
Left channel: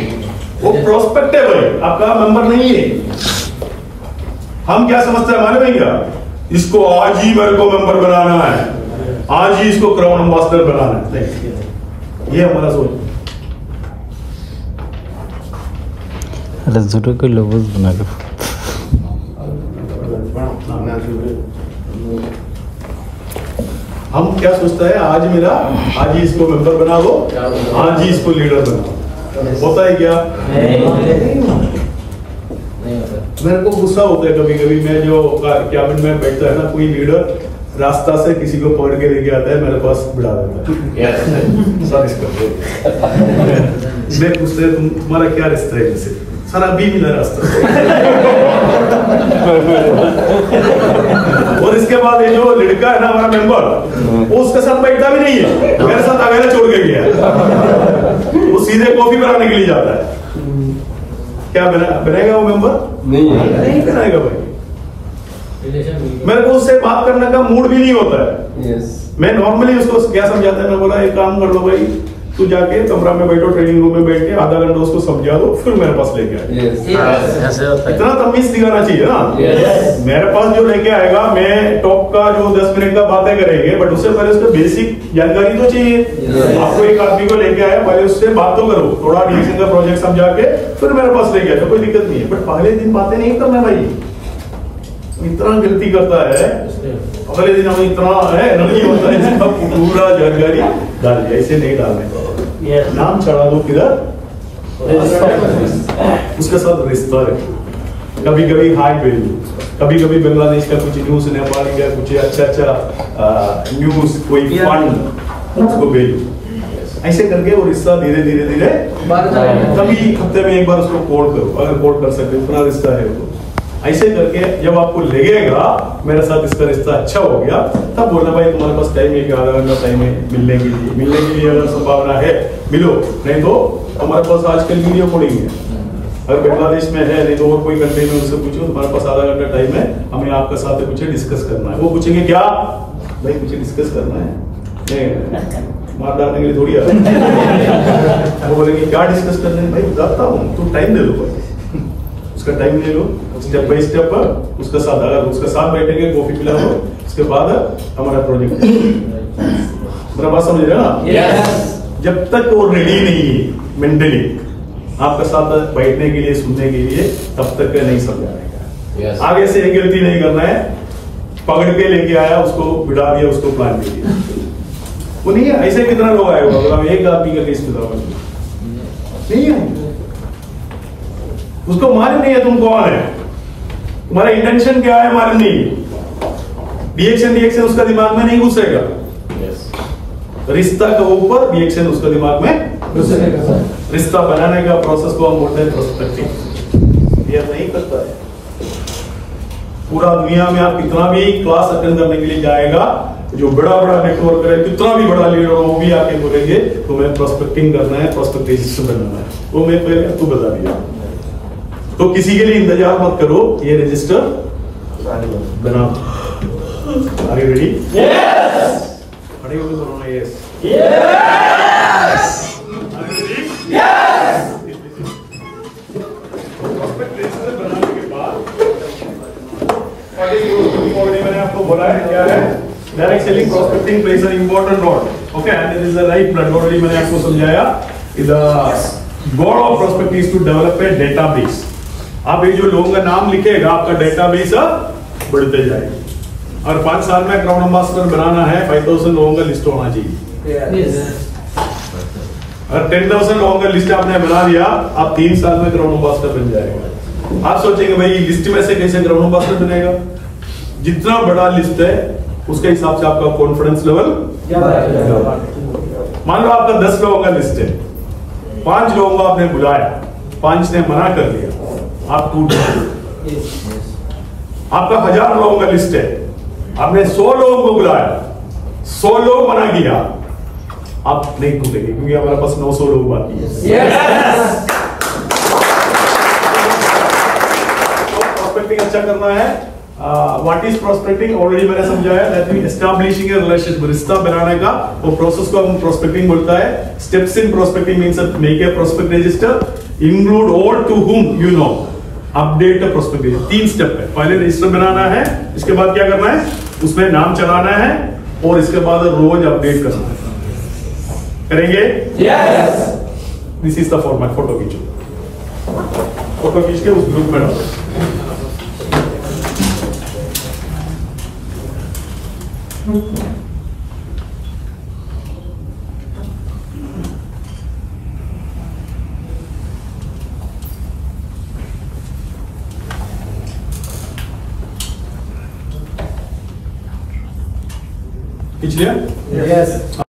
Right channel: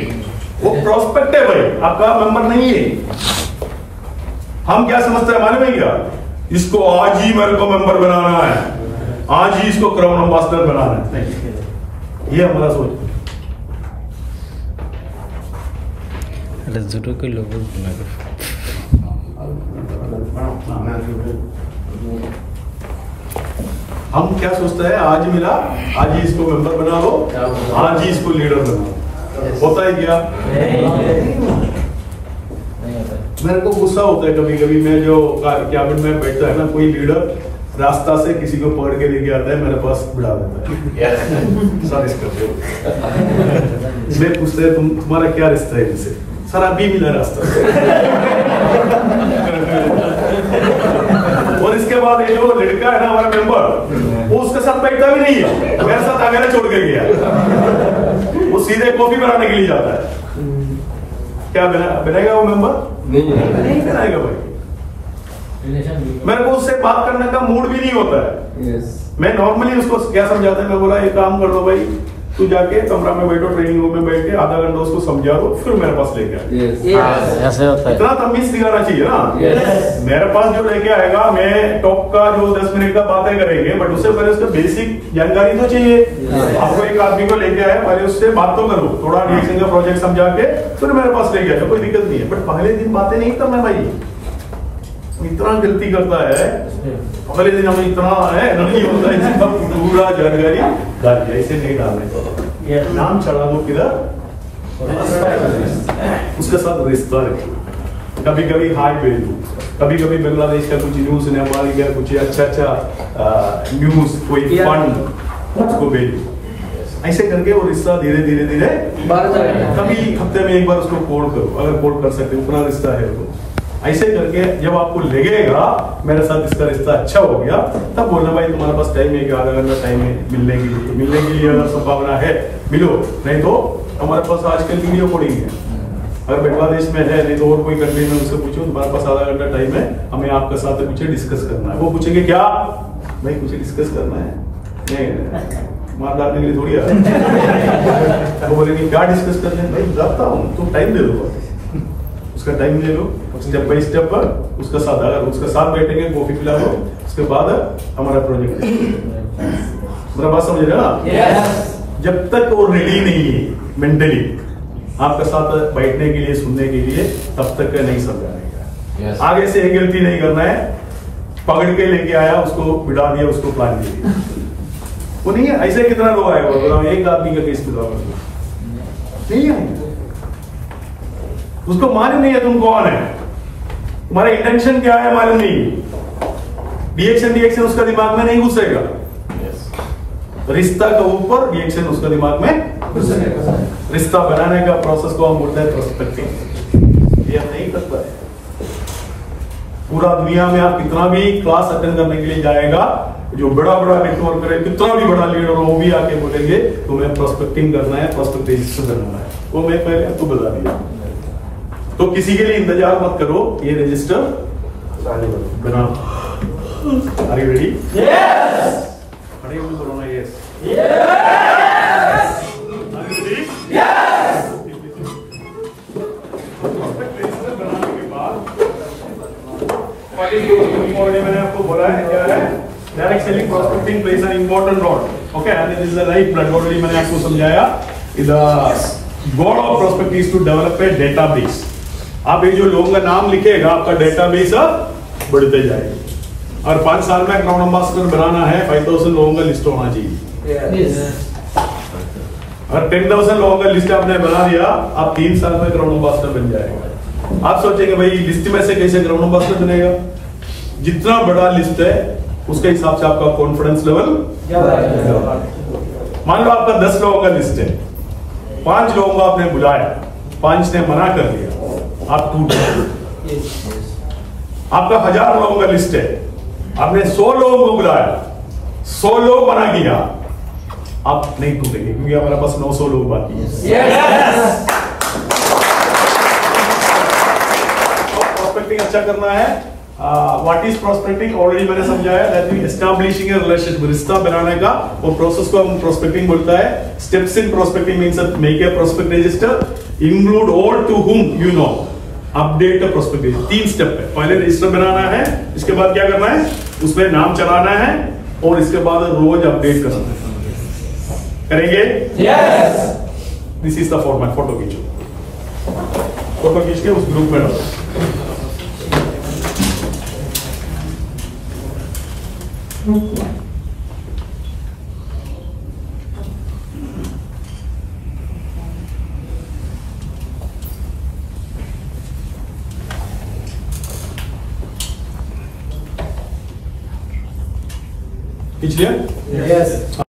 वो प्रोस्पेक्ट है भाई, आपका मेंबर नहीं है। हम क्या समझते हैं मालूम है क्या? इसको आज ही मेरे को मेंबर बनाना है, आज ही इसको क्राउन एम्बेसडर बनाना है। ये हमारा सोच। को लोगों बना दो। हम क्या सोचते हैं? आज मिला, आज ही इसको मेंबर बना दो, आज ही इसको लीडर बना दो। होता है क्या? मेरे को गुस्सा होता है कभी कभी। मैं जो कैबिन में बैठता है ना, कोई लीडर रास्ता से किसी को पकड़ के लेके आता है, मेरे पास बिठा देता है। सर इसका मैं पूछते हैं तुम्हारा क्या रिश्ता है इनसे? सर अभी मिला रास्ता। और इसके बाद ये जो लड़का है ना हमारा मेंबर, वो उसके साथ बैठता भी नहीं है, मेरे साथ अकेले छोड़ के गया। वो सीधे कॉफी बनाने के लिए जाता है। क्या बनाएगा वो मेंबर? नहीं बनाएगा भाई। मेरे को उससे बात करने का मूड भी नहीं होता है। मैं नॉर्मली उसको क्या समझाता है, मैं बोला एक काम कर लो भाई, तू जाके कमरा में बैठो, ट्रेनिंग रूम में बैठ के आधा घंटा उसको समझा दो, फिर मेरे पास लेके आए। इतना तमीज दिखाना चाहिए ना। मेरे पास जो लेके आएगा, मैं टॉप का जो 10 मिनट का बातें करेंगे, बट उससे पहले उसको बेसिक जानकारी तो चाहिए। आपको एक आदमी को लेके आए, पहले उससे बात तो करो, थोड़ा रिएक्शन का प्रोजेक्ट समझा के फिर मेरे पास लेके आए, कोई दिक्कत नहीं है। बट पहले दिन बातें नहीं करना भाई, इतना गलती करता है। अगले दिन हमें इतना है नहीं होता है, इसका पूरा जानकारी डाल, ऐसे नहीं डालने। नाम चढ़ा दो किधर, उसके साथ रिश्ता रखो। कभी कभी हाई वैल्यू, कभी कभी बांग्लादेश का कुछ न्यूज, नेपाल का कुछ अच्छा न्यूज, कोई फंड, उसको भेजो। ऐसे करके वो रिश्ता धीरे धीरे धीरे, कभी हफ्ते में एक बार उसको कॉल करो, अगर कॉल कर सकते उतना रिश्ता है तो। ऐसे करके जब आपको लगेगा मेरे साथ इसका रिश्ता अच्छा हो गया, तब बोलना भाई तुम्हारे पास टाइम है, आधा घंटा टाइम है मिलने के लिए अगर संभावना है मिलो, नहीं तो हमारे पास आजकल वीडियो कॉलिंग है। अगर बांग्लादेश में है, नहीं तो और कोई कंट्री में, उससे पूछो तुम्हारे पास आधा घंटा टाइम है, हमें आपके साथ कुछ डिस्कस करना है। वो पूछेंगे क्या भाई, कुछ डिस्कस करना है, नहीं मार डालने के लिए थोड़ी आ। वो बोलेंगे क्या डिस्कस करना है, भाई बताता हूँ, तू टाइम दे दो, उसका टाइम ले लो, स्टेप बाय स्टेप उसका साथ, अगर उसका साथ बैठेंगे, कॉफी पिला दो, उसके बाद हमारा प्रोजेक्ट। मेरा बात समझ रहे ना? जब तक वो रेडी नहीं है मेंटली आपका साथ बैठने के लिए, सुनने के लिए, तब तक नहीं समझाने का। आगे से एक गलती नहीं करना है, पकड़ के लेके आया, उसको बिठा दिया, उसको प्लान दे दिया, वो नहीं है। ऐसे कितना लोग आए होगा, एक आदमी का केस बताओ, नहीं है। उसको मालूम नहीं है तुम कौन है, तुम्हारा इंटेंशन क्या है मालूम नहीं। रिएक्शन उसका दिमाग में नहीं घुसेगा। रिश्ता के ऊपर रिएक्शन उसका दिमाग में घुसेगा। रिश्ता बनाने का प्रोसेस को हम बोलते हैं प्रोस्पेक्टिंग। ये हम नहीं करता है। पूरा दुनिया में आप कितना भी क्लास अटेंड करने के लिए जाएगा, जो बड़ा बड़ा नेटवर्क है, कितना भी बड़ा लीडर हो, वो भी आके बोलेंगे तुम्हें प्रोस्पेक्टिंग करना है, प्रोस्पेक्ट रजिस्टर बनना है। वो मैं पहले आपको बता दिया। तो किसी के लिए इंतजार मत करो, ये रजिस्टर बना। Are you ready? यस। खड़े होकर बोलो ना yes. Yes. Are you ready? Yes. Prospect register बनाने के बाद मैंने आपको बोला है क्या है, direct selling prospecting place an important role. Okay, and this is the life blood. Already मैंने आपको समझाया, the goal of prospecting is to develop a database. आप ये जो लोगों का नाम लिखेगा, आपका डेटाबेस बढ़ते जाएगा। और 5 साल में क्राउन एम्बेसडर बनाना है, 5000 लोगों का लिस्ट होना चाहिए। और 10,000 लोगों का लिस्ट आपने बना दिया, आप 3 साल में क्राउन एम्बेसडर बन जाएगा। आप सोचेंगे भाई लिस्ट में से कैसे क्राउन एम्बेसडर बनेगा? जितना बड़ा लिस्ट है उसके हिसाब से आपका कॉन्फिडेंस लेवल ज्यादा है। मान लो आपका 10 लोगों का लिस्ट है, 5 लोगों को आपने बुलाया, 5 ने मना कर दिया, आप टूट गए। आपका 1000 लोगों का लिस्ट है, आपने 100 लोगों को बुलाया, 100 लोग मना किया, आप नहीं टूटेंगे, क्योंकि हमारे पास 900 लोग बाकी है। तो प्रोस्पेक्टिंग अच्छा करना है। व्हाट इज प्रोस्पेक्टिंग ऑलरेडी मैंने समझाया, that means establishing A relationship, रिश्ता बनाने का वो प्रोसेस को हम प्रोस्पेक्टिंग बोलता है। Steps in prospecting means make a prospect register, include all to whom you know, update the prospective. 3 step है, पहले रजिस्टर बनाना है, इसके बाद क्या करना है, उसमें नाम चलाना है, और इसके बाद रोज अपडेट करना है। करेंगे? Yes. This is the format. Photo खींचो, फोटो खींच के उस ग्रुप में डालो। खींच लिया? यस।